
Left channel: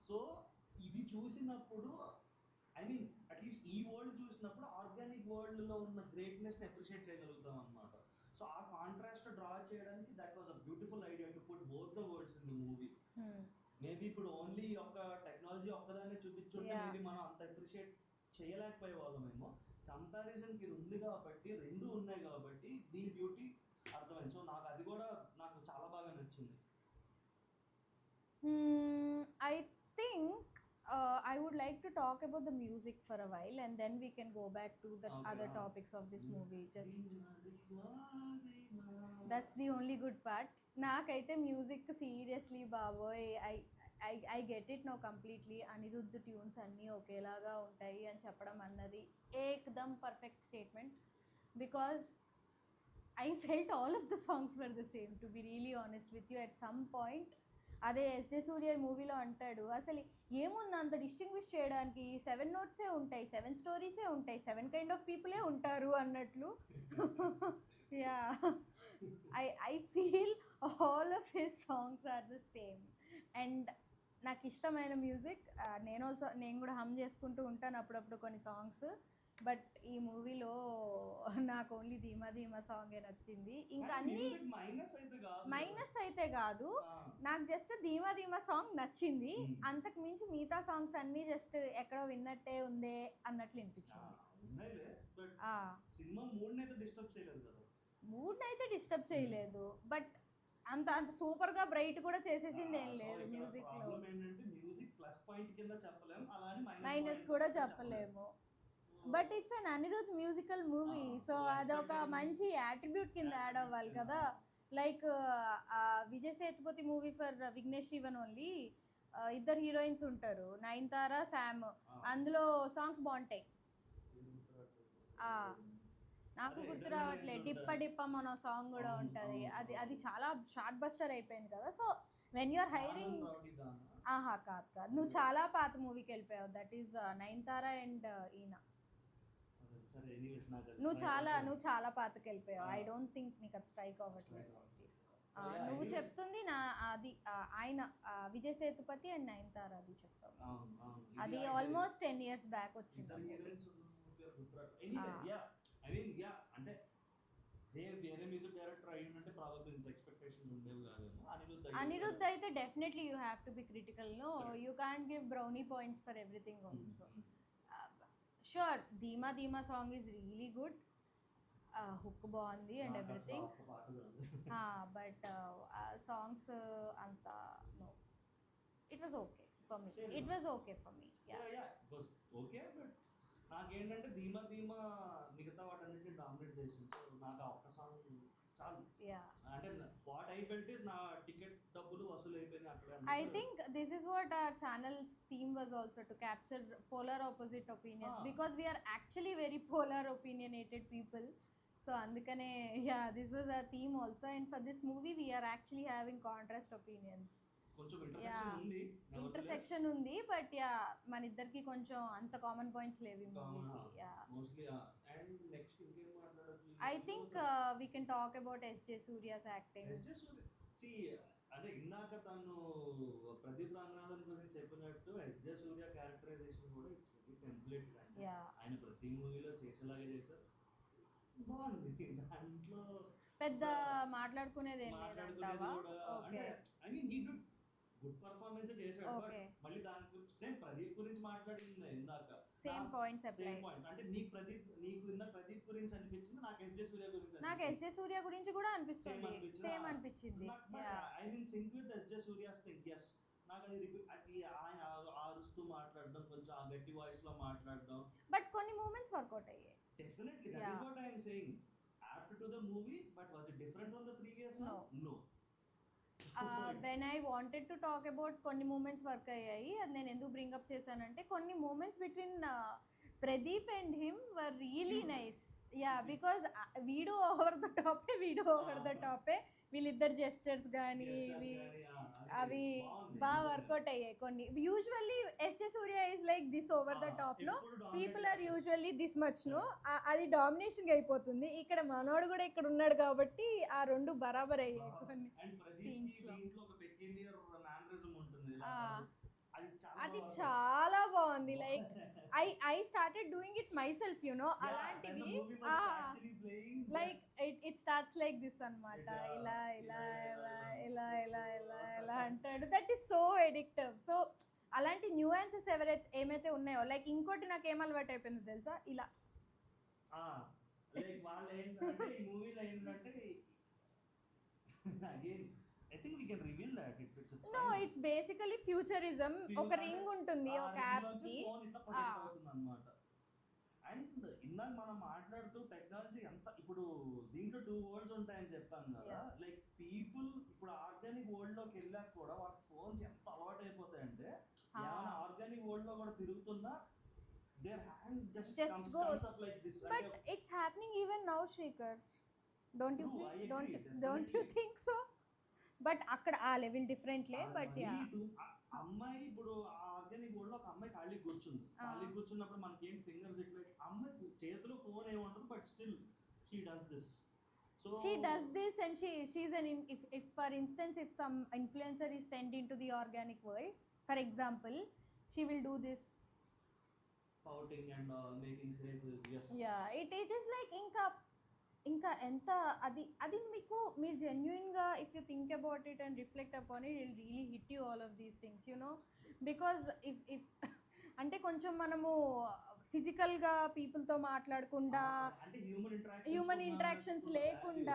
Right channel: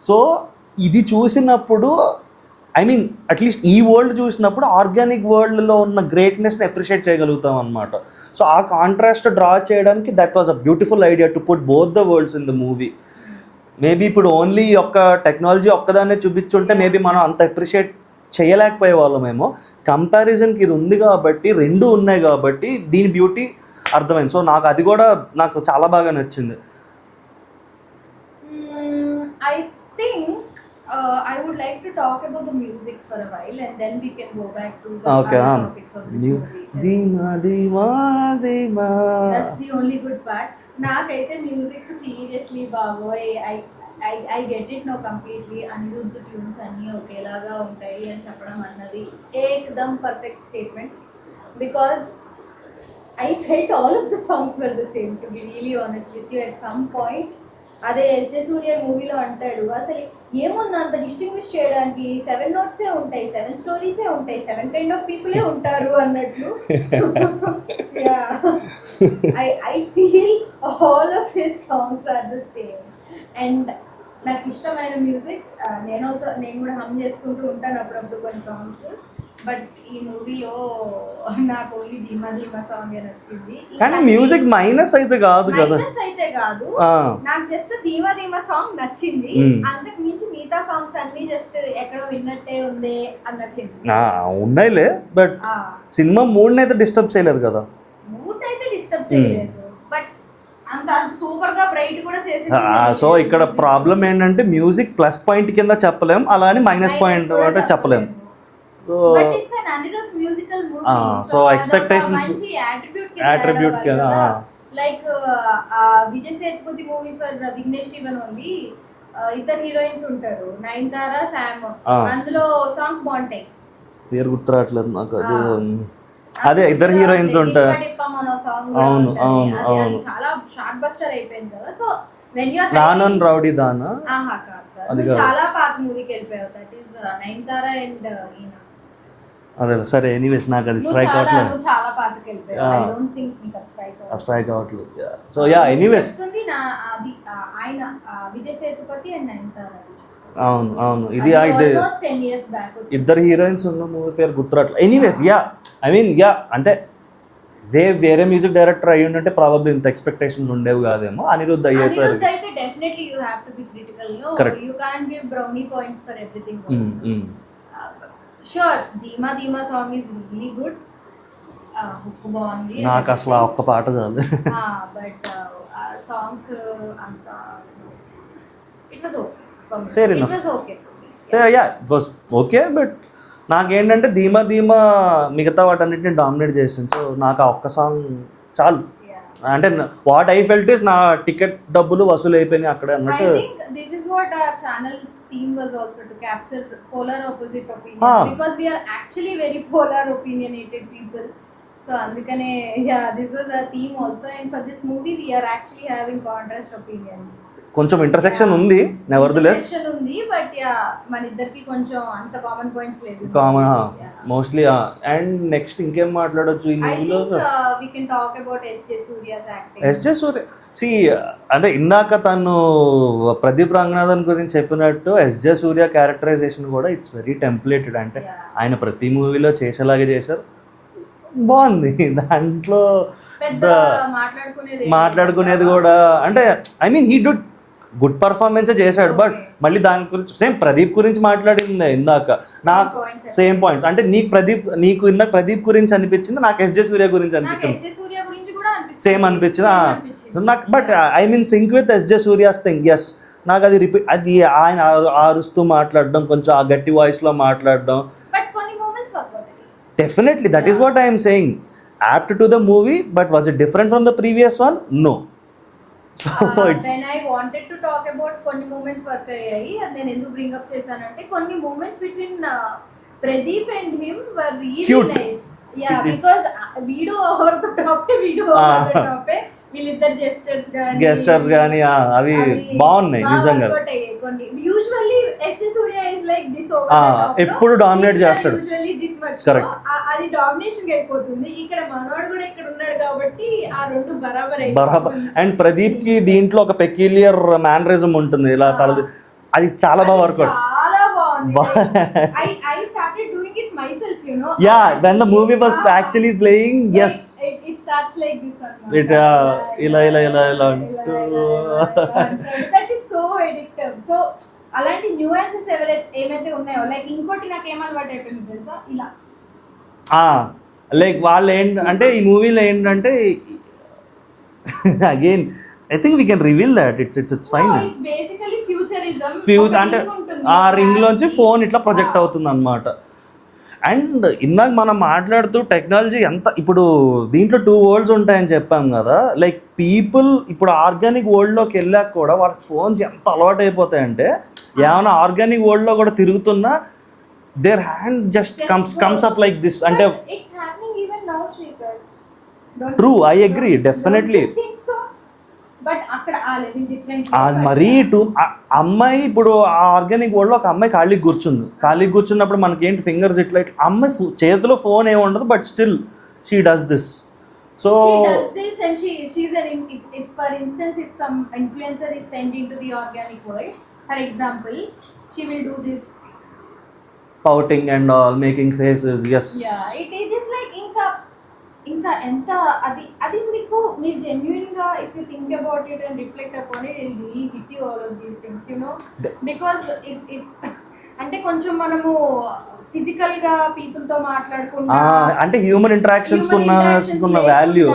So ఇది చూసినప్పుడు I mean at least ఈ world చూసినప్పుడు organic వరల్డ్లో ఉన్న గ్రేట్నెస్ని అప్రిషియేట్ చేయగలుగుతాం అనమాట. సో ఆ కాంట్రాస్ట్ డ్రా చేయడానికి that was a beautiful idea to put both the world's in the movie. Maybe ఇప్పుడు ఓన్లీ ఒక్క టెక్నాలజీ ఒక్కదాన్నే చూపించుంటే మేబీ మనం అంత అప్రిషియేట్ చేయలేకపోయే వాళ్ళమేమో. కంపారిజన్కి ఇది ఉంది కాబట్టి, 2 ఉన్నాయి కాబట్టి దీని బ్యూటీ అర్థమైంది. సో నాకు అది కూడా నాకు చాలా బాగా నచ్చింది. I think I would like to talk about the music for a while, and then we can go back to the Okay, other topics of this movie. Dima dima dima. That's the only good part. Nakaithe music seriously baboy, I get it now completely. Anirudh tunes anni okelaga untayi ani cheppadam annadi ekdam perfect statement, because I felt all of the songs were the same, to be really honest with you. At some point అదే SJ సూర్య మూవీలో అంటాడు, అసలు ఏముంది అంత distinguish చేయడానికి, 7 notes ఉంటాయి, 7 stories ఉంటాయి, 7 kind of people ఉంటారు అన్నట్లు. I feel all of his songs are the same, and నాకు ఇష్టమైన మ్యూజిక్ నేను కూడా హమ్ చేసుకుంటూ ఉంటాను అప్పుడప్పుడు కొన్ని సాంగ్స్. బట్ ఈ మూవీలో నాకు ఓన్లీ ధీమా ధీమా సాంగ్ నచ్చింది. కానీ మ్యూజిక్ మైనస్ అయితే కాదు కదా, మైనస్ అయితే కాదు, నాకు జస్ట్ ధీమా ధీమా సాంగ్ నచ్చింది. అంతకు మించి మిగతా సాంగ్స్ అన్ని జస్ట్ ఎక్కడో విన్నట్టే ఉంది అన్నట్లు ఉన్నాయిలే. బట్ సినిమా మూడ్ అయితే డిస్టర్బ్ చేయలేదు కదా. మూడ్ అయితే డిస్టర్బ్ చేయలేదు, బట్ అంత సూపర్ గా బ్రైట్ కూడా చేసేసి. సో ఇక్కడ ప్రాబ్లం ఏంటంటే మ్యూజిక్ ప్లస్ పాయింట్ కింద చెప్పలేం, అలా అని మైనస్ పాయింట్ అంటే చెప్పలేం. But it's an Anirudh musical movie, so expectations attribute kada, like Vijay Sethupathi movie for Vignesh Shivan only, ఇద్దరు హీరోయిన్స్ ఉంటారు, నయనతార, శామ్. అందులో సాంగ్స్ బాగుంటాయి, పేరు గుర్తురావట్లేదు నాకు. అదే ఇద్దరు హీరోయిన్స్ ఉంటారు. అవును అవును అవును, చాలా షార్ట్ బస్టర్ అయిపోయింది కదా. So when you are Naanum Rowdy దానా, అది చాలా పాత మూవీకి వెళ్ళిపోయావు. దట్ ఈస్ నయనతార అండ్ ఈయన. అదే సరే, ఎనీవేస్ నాకు అది స్ట్రైక్ అవ్వట్లేదు. చాలా పాతకి వెళ్ళిపోయావు. ఐ డోంట్ థింక్ నీకు అది స్ట్రైక్ అవ్వట్లేదు. సో యా ఎనీవేస్ చెప్తుంది నా అది ఆయన విజయ్ సేతుపతి అండ్ నయనతార. అవును అవును, ఇది 10 years బ్యాక్ ఇద్దరు హీరోయిన్స్ ఉన్న మూవీ పేరు గుర్తురాట్లేదు. Anyways yeah I mean yeah అంటే వేరే మ్యూజిక్ డైరెక్టర్ అయ్యి ఉంటే ప్రాబబ్లీ ఇంత ఎక్స్పెక్టేషన్స్ ఉండేవి కాదేమో. అనిరుద్ధ్ అయ్యేసరి అయితే definitely you have to be critical. You can't give brownie points for everything. Sure, ధీమా ధీమా song is really good, hook బాగుంది, నాకు అసలు ఒక్క పాట చాలు. బట్ సాంగ్స్ అంత it was okay for me. Fair enough. It was okay for me. Yeah it was okay, but నాకేంటంటే ధీమా ధీమా మిగతా వాటన్నిటిని డామినేట్ చేసింది. సో నాకు ఆ ఒక్క సాంగ్ చాలు. అంటే వాట్ ఐ ఫెల్ట్ ఇస్ నా టికెట్ డబ్బులు వసూలు అయిపోయినాయి అక్కడే అన్నట్టు. I think this is what our channel's theme was also, to capture polar opposite opinions, because we are actually very polar opinionated people. So అందుకనే this was a theme also, and for this movie we're actually having contrast opinions. కొంచెం intersection ఉంది, nevertheless ఉంది, but మన ఇద్దరికి కొంచెం అంత common points లేదు. Common mostly. And next ఇంకేం మాట్లాడొచ్చు ఈ I మూవీలో? think we can talk about S.J. Surya's acting. S J Surya అంటే ఇందాక తను ప్రదీప్ రంగనాథన్ గురించి చెప్పినట్టు ఎస్జే సూర్య క్యారెక్టరైజేషన్ కూడా ఇట్స్ వెరీ టెంప్లేటెడ్. అంటే ఆయన ప్రతి మూవీలో చేసేలాగే చేశారు, బాగుంది. దాంట్లో పెద్ద మాట్లాడుకునేది కూడా అంటే I mean he do good performance చేశాడు. బట్ మళ్ళీ దాని గురించి సేమ్ ప్రదీప్ గురించి మాట్లాడింది ఇందాక, నాకు సేమ్ పాయింట్స్. అంటే నీకు ఇందాక ప్రదీప్ గురించి అనిపించింది, నాకు ఎస్జే సూర్య గురించి అనిపించింది, సేమ్ అనిపించింది. సో నాకు but I mean sync with SJ Suryah's thing. Yes, నాకు అది రిపీట్, అది ఆయన అరుస్తూ మాట్లాడడం, కొంచెం ఆ గట్టి వాయిస్లో మాట్లాడడం, definitely that is what I'm saying. apt to the movie, but was it different from the previous one? No. So when I wanted to talk about కొన్ని moments work అయ్యాయి, and then ఎందుకు bring up చేశానంటే కొన్ని moments between Pradeep and him were really cute. Nice. Yeah, because video over the top, video over the top, వీళ్ళిద్దరు gestures గానీ అవి బాగున్నాయి నిజంగా. Usually SJ Surya is like this over, ఎప్పుడు dominate చేస్తాడు, యూజువల్లీ దిస్ మచ్, కరెక్ట్. అది domination అయిపోతుంది. ఇక్కడ మనోడు కూడా ఇక్కడ ఉన్నాడు కాబట్టి ఆ రెండు బరాబర్. అండ్ ప్రదీప్ కి దీంట్లో ఒక పెక్యులియర్ మేనరిజం ఉంటుంది, ఇలా తలది, అది చాలా బాగా వర్కౌట్, చాలా బాగుంది. I started doing it myself, you know. Yeah, when the movie was actually playing, yes. It starts like this one. It ila. That is so addictive. So అలాంటి న్యూయాన్సెస్ ఏమైతే ఉన్నాయో, లైక్ ఇంకోటి నాకు ఏమలవాటు అయిపోయింది తెలుసా, ఇలా లైక్ వాళ్ళు ఏంటంటే ఈ మూవీలో ఏంటంటే again I think we can reveal that it's fine. It's basically futurism. అంటే ఆ రింగ్ లోంచి ఫోన్ ఇట్లా ప్రొజెక్ట్ అవుతుంది అన్నమాట. అండ్ ఇందాక మనం మాట్లాడుతూ టెక్నాలజీ ఎంత, ఇప్పుడు దీంట్లో 2 వరల్డ్స్ ఉంటాయని చెప్పాం కదా, లైక్ పీపుల్ ఇప్పుడు ఆర్గానిక్ వరల్డ్లోకి వెళ్ళాక కూడా వాళ్ళకి ఫోన్స్ ఎంత అలవాటు అయిపోతాయంటే, ఏమైనా ఆర్గానిక్ వరల్డ్లో కూడా తిరుగుతున్నా their hand just comes up like this. అంటే true, I agree, definitely. But అక్కడ ఆ లెవెల్ డిఫరెంట్. మరీ అమ్మాయి ఇప్పుడు ఆ ఆర్గానిక్ వరల్డ్లో ఒక అమ్మాయి ఖాళీకి కూర్చున్నప్పుడు మనకి ఏంటి ఫింగర్స్ ఇట్లా అమ్మాయి చేతిలో ఫోన్ ఏమి ఉండదు, but still she does this. So she does this, and she's an if for instance if some influencer is sent into the organic world, for example, she will do this pouting and all, making faces. Yes, yeah, it is like ఇంకా ఎంత అది మీకు genuine గా if you think about it and reflect upon it, it will really hit you all of these things, you know, because if అంటే కొంచెం మనము physical గా people తో మాట్లాడుకుంటా, అంటే హ్యూమన్ ఇంటరాక్షన్స్ కున్న వాల్యూ,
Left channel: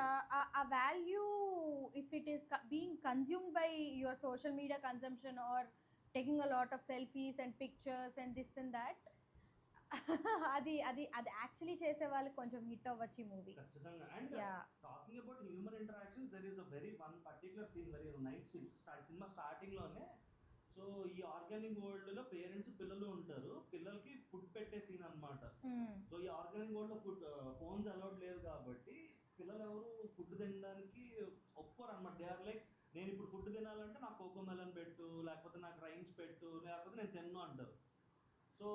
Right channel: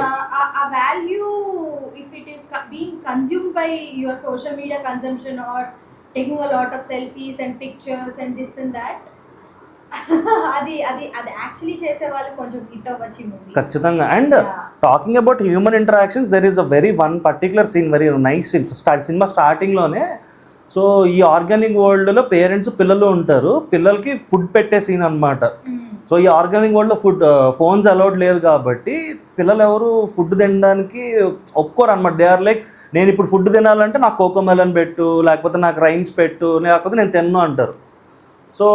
ఆ value if it is being consumed by your social media consumption or taking a lot of selfies and pictures and this and that, అది యాక్చువల్లీ చేసే వాళ్ళు కొంచెం హిట్ అవ్వచ్చు మూవీ ఖచ్చితంగా. And talking about human interactions, there is a very one particular scene, very nice scene. సినిమా స్టార్టింగ్లోనే, so ఈ organic వరల్డ్లో పేరెంట్స్ పిల్లలు ఉంటారు, పిల్లలకి ఫుడ్ పెట్టే సీన్ అనమాట. సో ఈ ఆర్గానిక్ వరల్డ్లో ఫోన్స్ అలౌడ్ లేదు కాబట్టి పిల్లలు ఎవరు ఫుడ్ తినడానికి ఒప్పుకోరు అనమాట. దే ఆర్ లైక్, నేను ఇప్పుడు ఫుడ్ తినాలంటే నాకు కోకోమెలన్ పెట్టు, లేకపోతే నాకు రైమ్స్ పెట్టు, లేకపోతే నేను తిన్ను అంటారు. సో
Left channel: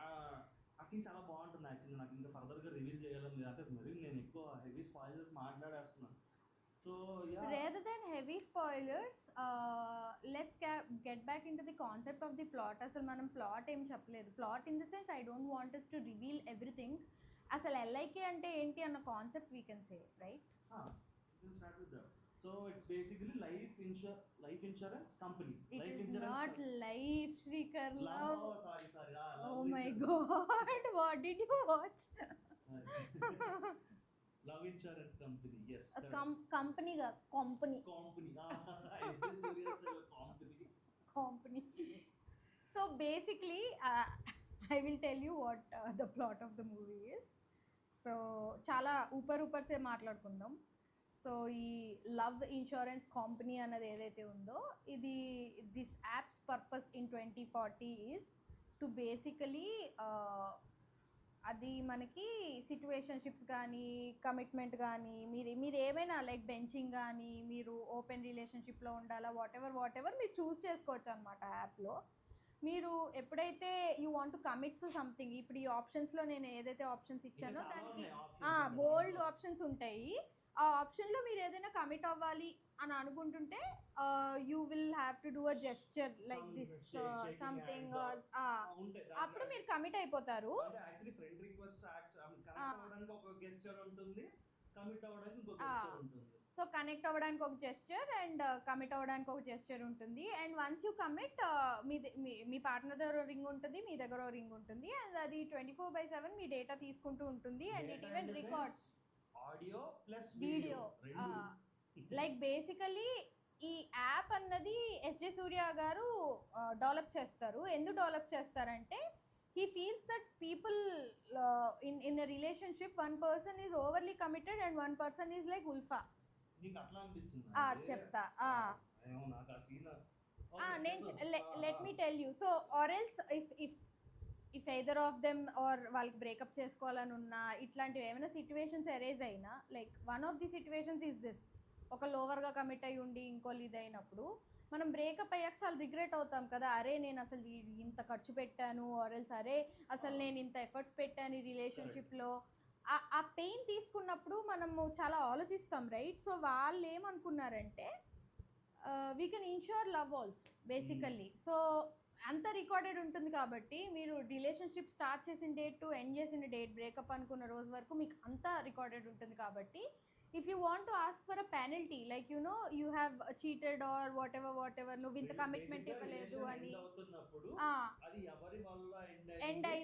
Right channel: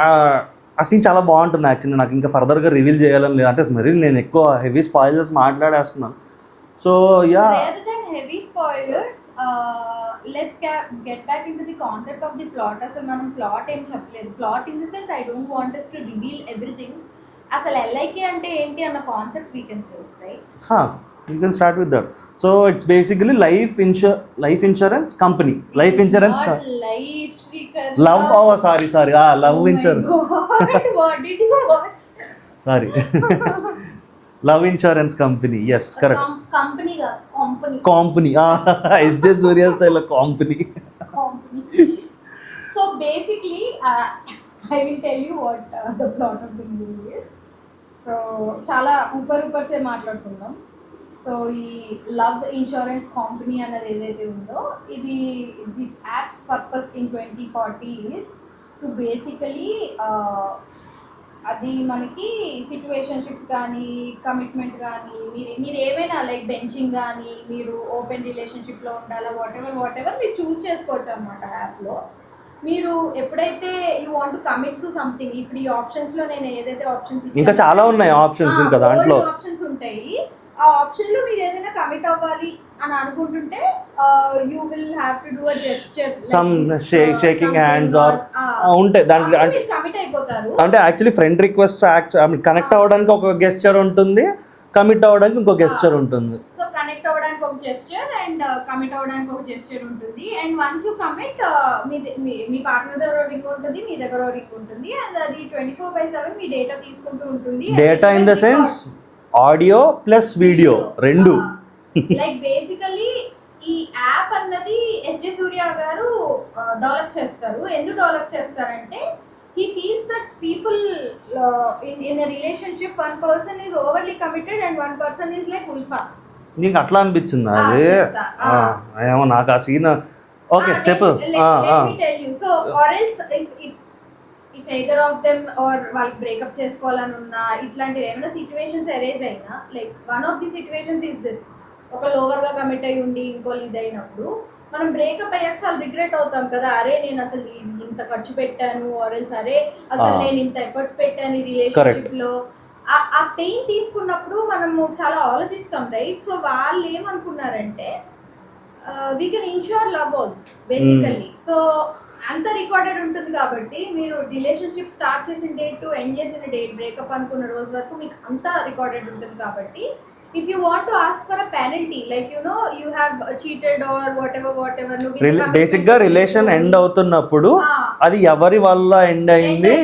ఆ సీన్ చాలా బాగుంటుంది యాక్చువల్లీ. నాకు ఇంకా ఫర్దర్గా రివీల్ చేయాలని లేదు, అంటే మరి నేను ఎక్కువ హెవీ స్పాయిలర్స్ మాట్లాడేస్తున్నాను. So yeah, heavy spoilers, let's get back into the concept of the plot. అసలు మనం ప్లాట్ ఏం చెప్పలేదు. Plot in the sense I don't want us to reveal everything. అసలు LIK అంటే ఏంటి అన్న concept we can say, right? You can start with that. So it's basically life insurance company. Life insurance life Shrikar. Love. Sorry. Love insurance. What did you watch? Sorry. Love insurance company. Yes, correct. Company. It's just Surya style company. So basically, I will tell you what the plot of the movie is. So చాలా ఊపర్ సే మాట్లాడుకుందాం. So ఈ love insurance company అన్నది ఏదైతే ఉందో, ఇది this apps purpose in 2040 is to basically అది మనకి సిచ్యువేషన్షిప్స్ కానీ కమిట్మెంట్ కానీ మీరు ఏమైనా లైక్ బెంచింగ్ కానీ మీరు ఓపెన్ రిలేషన్షిప్లో ఉండాలా వాట్ ఎవర్ మీరు చూస్ చేసుకోవచ్చు అనమాట యాప్లో. మీరు ఎప్పుడైతే you want to commit to something, ఇప్పుడు ఈ ఆప్షన్స్లో నేను ఏదైతే ఆప్షన్స్ ఇంకా చాలా ఉన్నాయి ఆప్షన్స్ ఇంకా దాంట్లో ఆప్షన్స్ ఉంటాయి. ఆ ఆప్షన్లో మీరు ఏదైనా కమిట్ అవ్వాలి అని అనుకుంటుంటే you will have to do a gesture some shaking hands or ఉంటాయి దాంట్లో. అంటే కమిట్ అయిపోతారు. అంటే యాక్చువల్లీ ఫ్రెండ్ రిక్వెస్ట్ కనెక్ట్ అవ్వడానికి ఒక గెస్చర్ ఉంటుంది, కమిట్ అవ్వడానికి ఇంకో గెస్చర్ ఉంటుంది. సో కనెక్ట్ అవ్వడానికి ఒక జెస్చర్ అండ్ కమిట్ అవ్వడానికి ఒక జెస్చర్ ఉంటుంది. And once you commit me partner దగ్గర రింగ్ ఉంటుంది, మీ దగ్గర రింగ్ ఉంటుంది, అండ్ అది 24/7 మీ డేటా తీసుకుంటూ ఉంటుంది. Data in the sense audio plus video రెండు. లైక్ బేసికలీ ఈ యాప్ అన్నది ఎస్జే సూర్య గారు డెవలప్ చేస్తారు. ఎందుకు డెవలప్ చేస్తారంటే he feels that people in a relationship, one person is overly committed and one person is like ulfa. నీకు అట్లా అనిపించింది అది? ఏమో నాకు ఆ సీన్ ఓకే చెప్పు. let me tell you, so or else if either of them or వాళ్ళకి breakup చేసుకోవాలని ఉన్నా ఇట్లాంటివి ఏమైనా సిచ్యువేషన్స్ అరేజ్ అయినా, like one of the situations is this, ఒక లోవర్గా కమిట్ అయ్యి ఉండి ఇంకోళ్ళు ఇదైనప్పుడు మనం బ్రేకప్ అయ్యాక చాలా రిగ్రెట్ అవుతాం కదా, అరే నేను అసలు ఇంత ఖర్చు పెట్టాను, ఆర్ఎల్స్ అరే అసలు నేను ఇంత ఎఫర్ట్స్ పెట్టాను ఈ రిలేషన్షిప్ లో. ఆ పెయిన్ తీసుకున్నప్పుడు మనము చాలా ఆలోచిస్తాం, రైట్? సో వాళ్ళు ఏమనుకున్నారంటే we can ensure love also basically. So అంత రికార్డెడ్ ఉంటుంది కాబట్టి మీరు రిలేషన్షిప్ స్టార్ట్ చేసిన డేట్ టు ఎండ్ చేసిన డేట్, బ్రేకప్ అనుకున్న రోజు వరకు మీకు అంతా రికార్డెడ్ ఉంటుంది కాబట్టి if you want to ask for a penalty, like you have cheated or whatever basic గా రిలేషన్ ఎండ్ అవుతున్నప్పుడు అది ఎవరి వల్ల ఎండ్ అయింది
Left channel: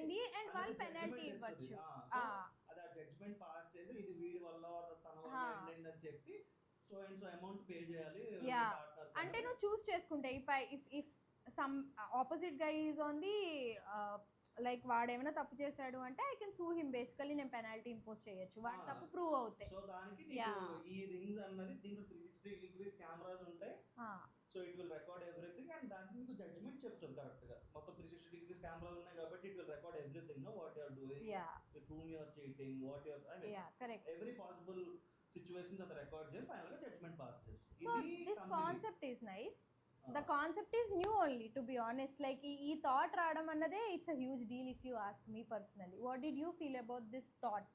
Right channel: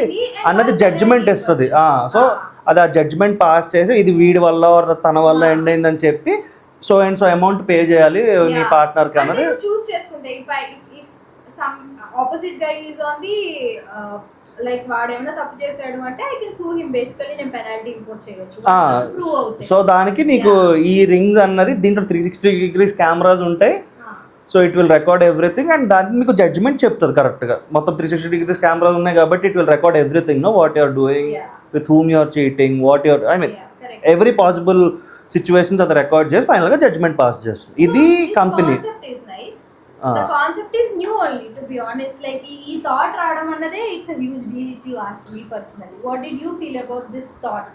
అన్నది జడ్జిమెంట్ ఇస్తుంది. సో అది ఆ జడ్జిమెంట్ పాస్ చేసి ఇది వీడి వల్ల తన వల్ల ఎండ్ అయిందని చెప్పి so and so amount pay చేయాలి నీ పార్ట్నర్ కి అన్నది చూస్ చేసుకుంటే. if some opposite guy is on the like వాడు ఏమైనా తప్పు చేశాడు అంటే ఐ కెన్ సూ హిమ్, బేసికల్లీ నేను పెనాల్టీ ఇంపోజ్ చేయొచ్చు, ప్రూవ్ అవుతాయి. సో దానికి నీకు ఈ రింగ్స్ అన్నది దీంట్లో 360 degrees కెమెరాస్ ఉంటాయి. So it will record everything and దానికి మీకు జడ్జ్మెంట్ చెప్తుంది కరెక్ట్గా. మొత్తం 360 degrees కెమెరాస్ ఉన్నాయి కాబట్టి it will record everything, no what you're doing, with whom you're cheating, what you're I mean every possible situations అది రికార్డ్ చేసి ఫైనల్గా జడ్జ్మెంట్ పాస్ చేస్తుంది. ఇది company. The concept is new only, to be honest. Like ee thought raadam annade it's a huge deal if you ask me personally. What did you feel about this thought?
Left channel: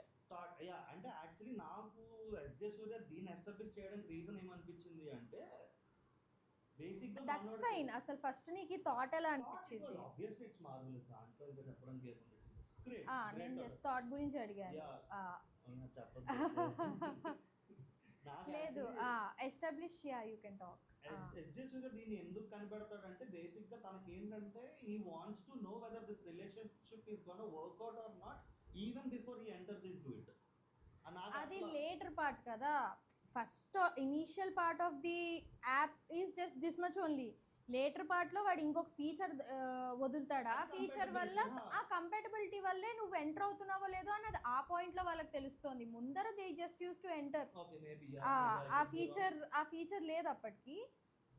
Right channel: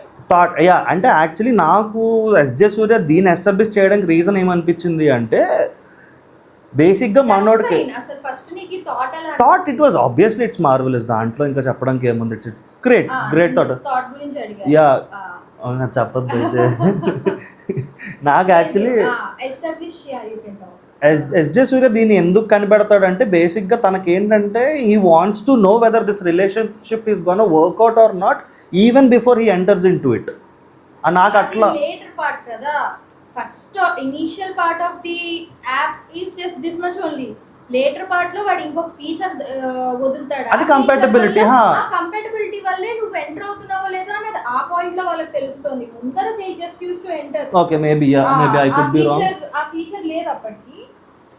Yeah అంటే actually నాకు SJ Surya దీన్ని establish చేయడానికి reason ఏమనిపించింది అంటే బేసిక్గా మనోడికి అసలు first నీకు thought it was obviously it's marvellous. దాంట్లో ఇంకా చెప్పడానికి ఏముంది, ఇట్స్ గ్రేట్ థాట్. గురించి అడిగాను. యా చెప్పద్దు నాకు actually establish you can talk. S J Surya దీన్ని ఎందుకు కనిపెడతాడంటే బేసిక్గా తనకి ఏంటంటే he wants to know whether this relationship is gonna work out or not even before he enters into it. నాకు అట్లా లేటర్ పార్ట్ కదా, first initial part of the app is just this much only. Later part లో వాడు ఇంకొక feature వదులుతాడు, అది compatibility. Compatibility వల్లే నువ్వు enter అవుతున్నావో లేదో అనేది ఆ పాయింట్ లో వాళ్ళకి తెలుస్తుంది. ముందర they just uses to enter. Okay maybe I could be wrong. ఆ ఫీచర్ లేదు అప్పటికి.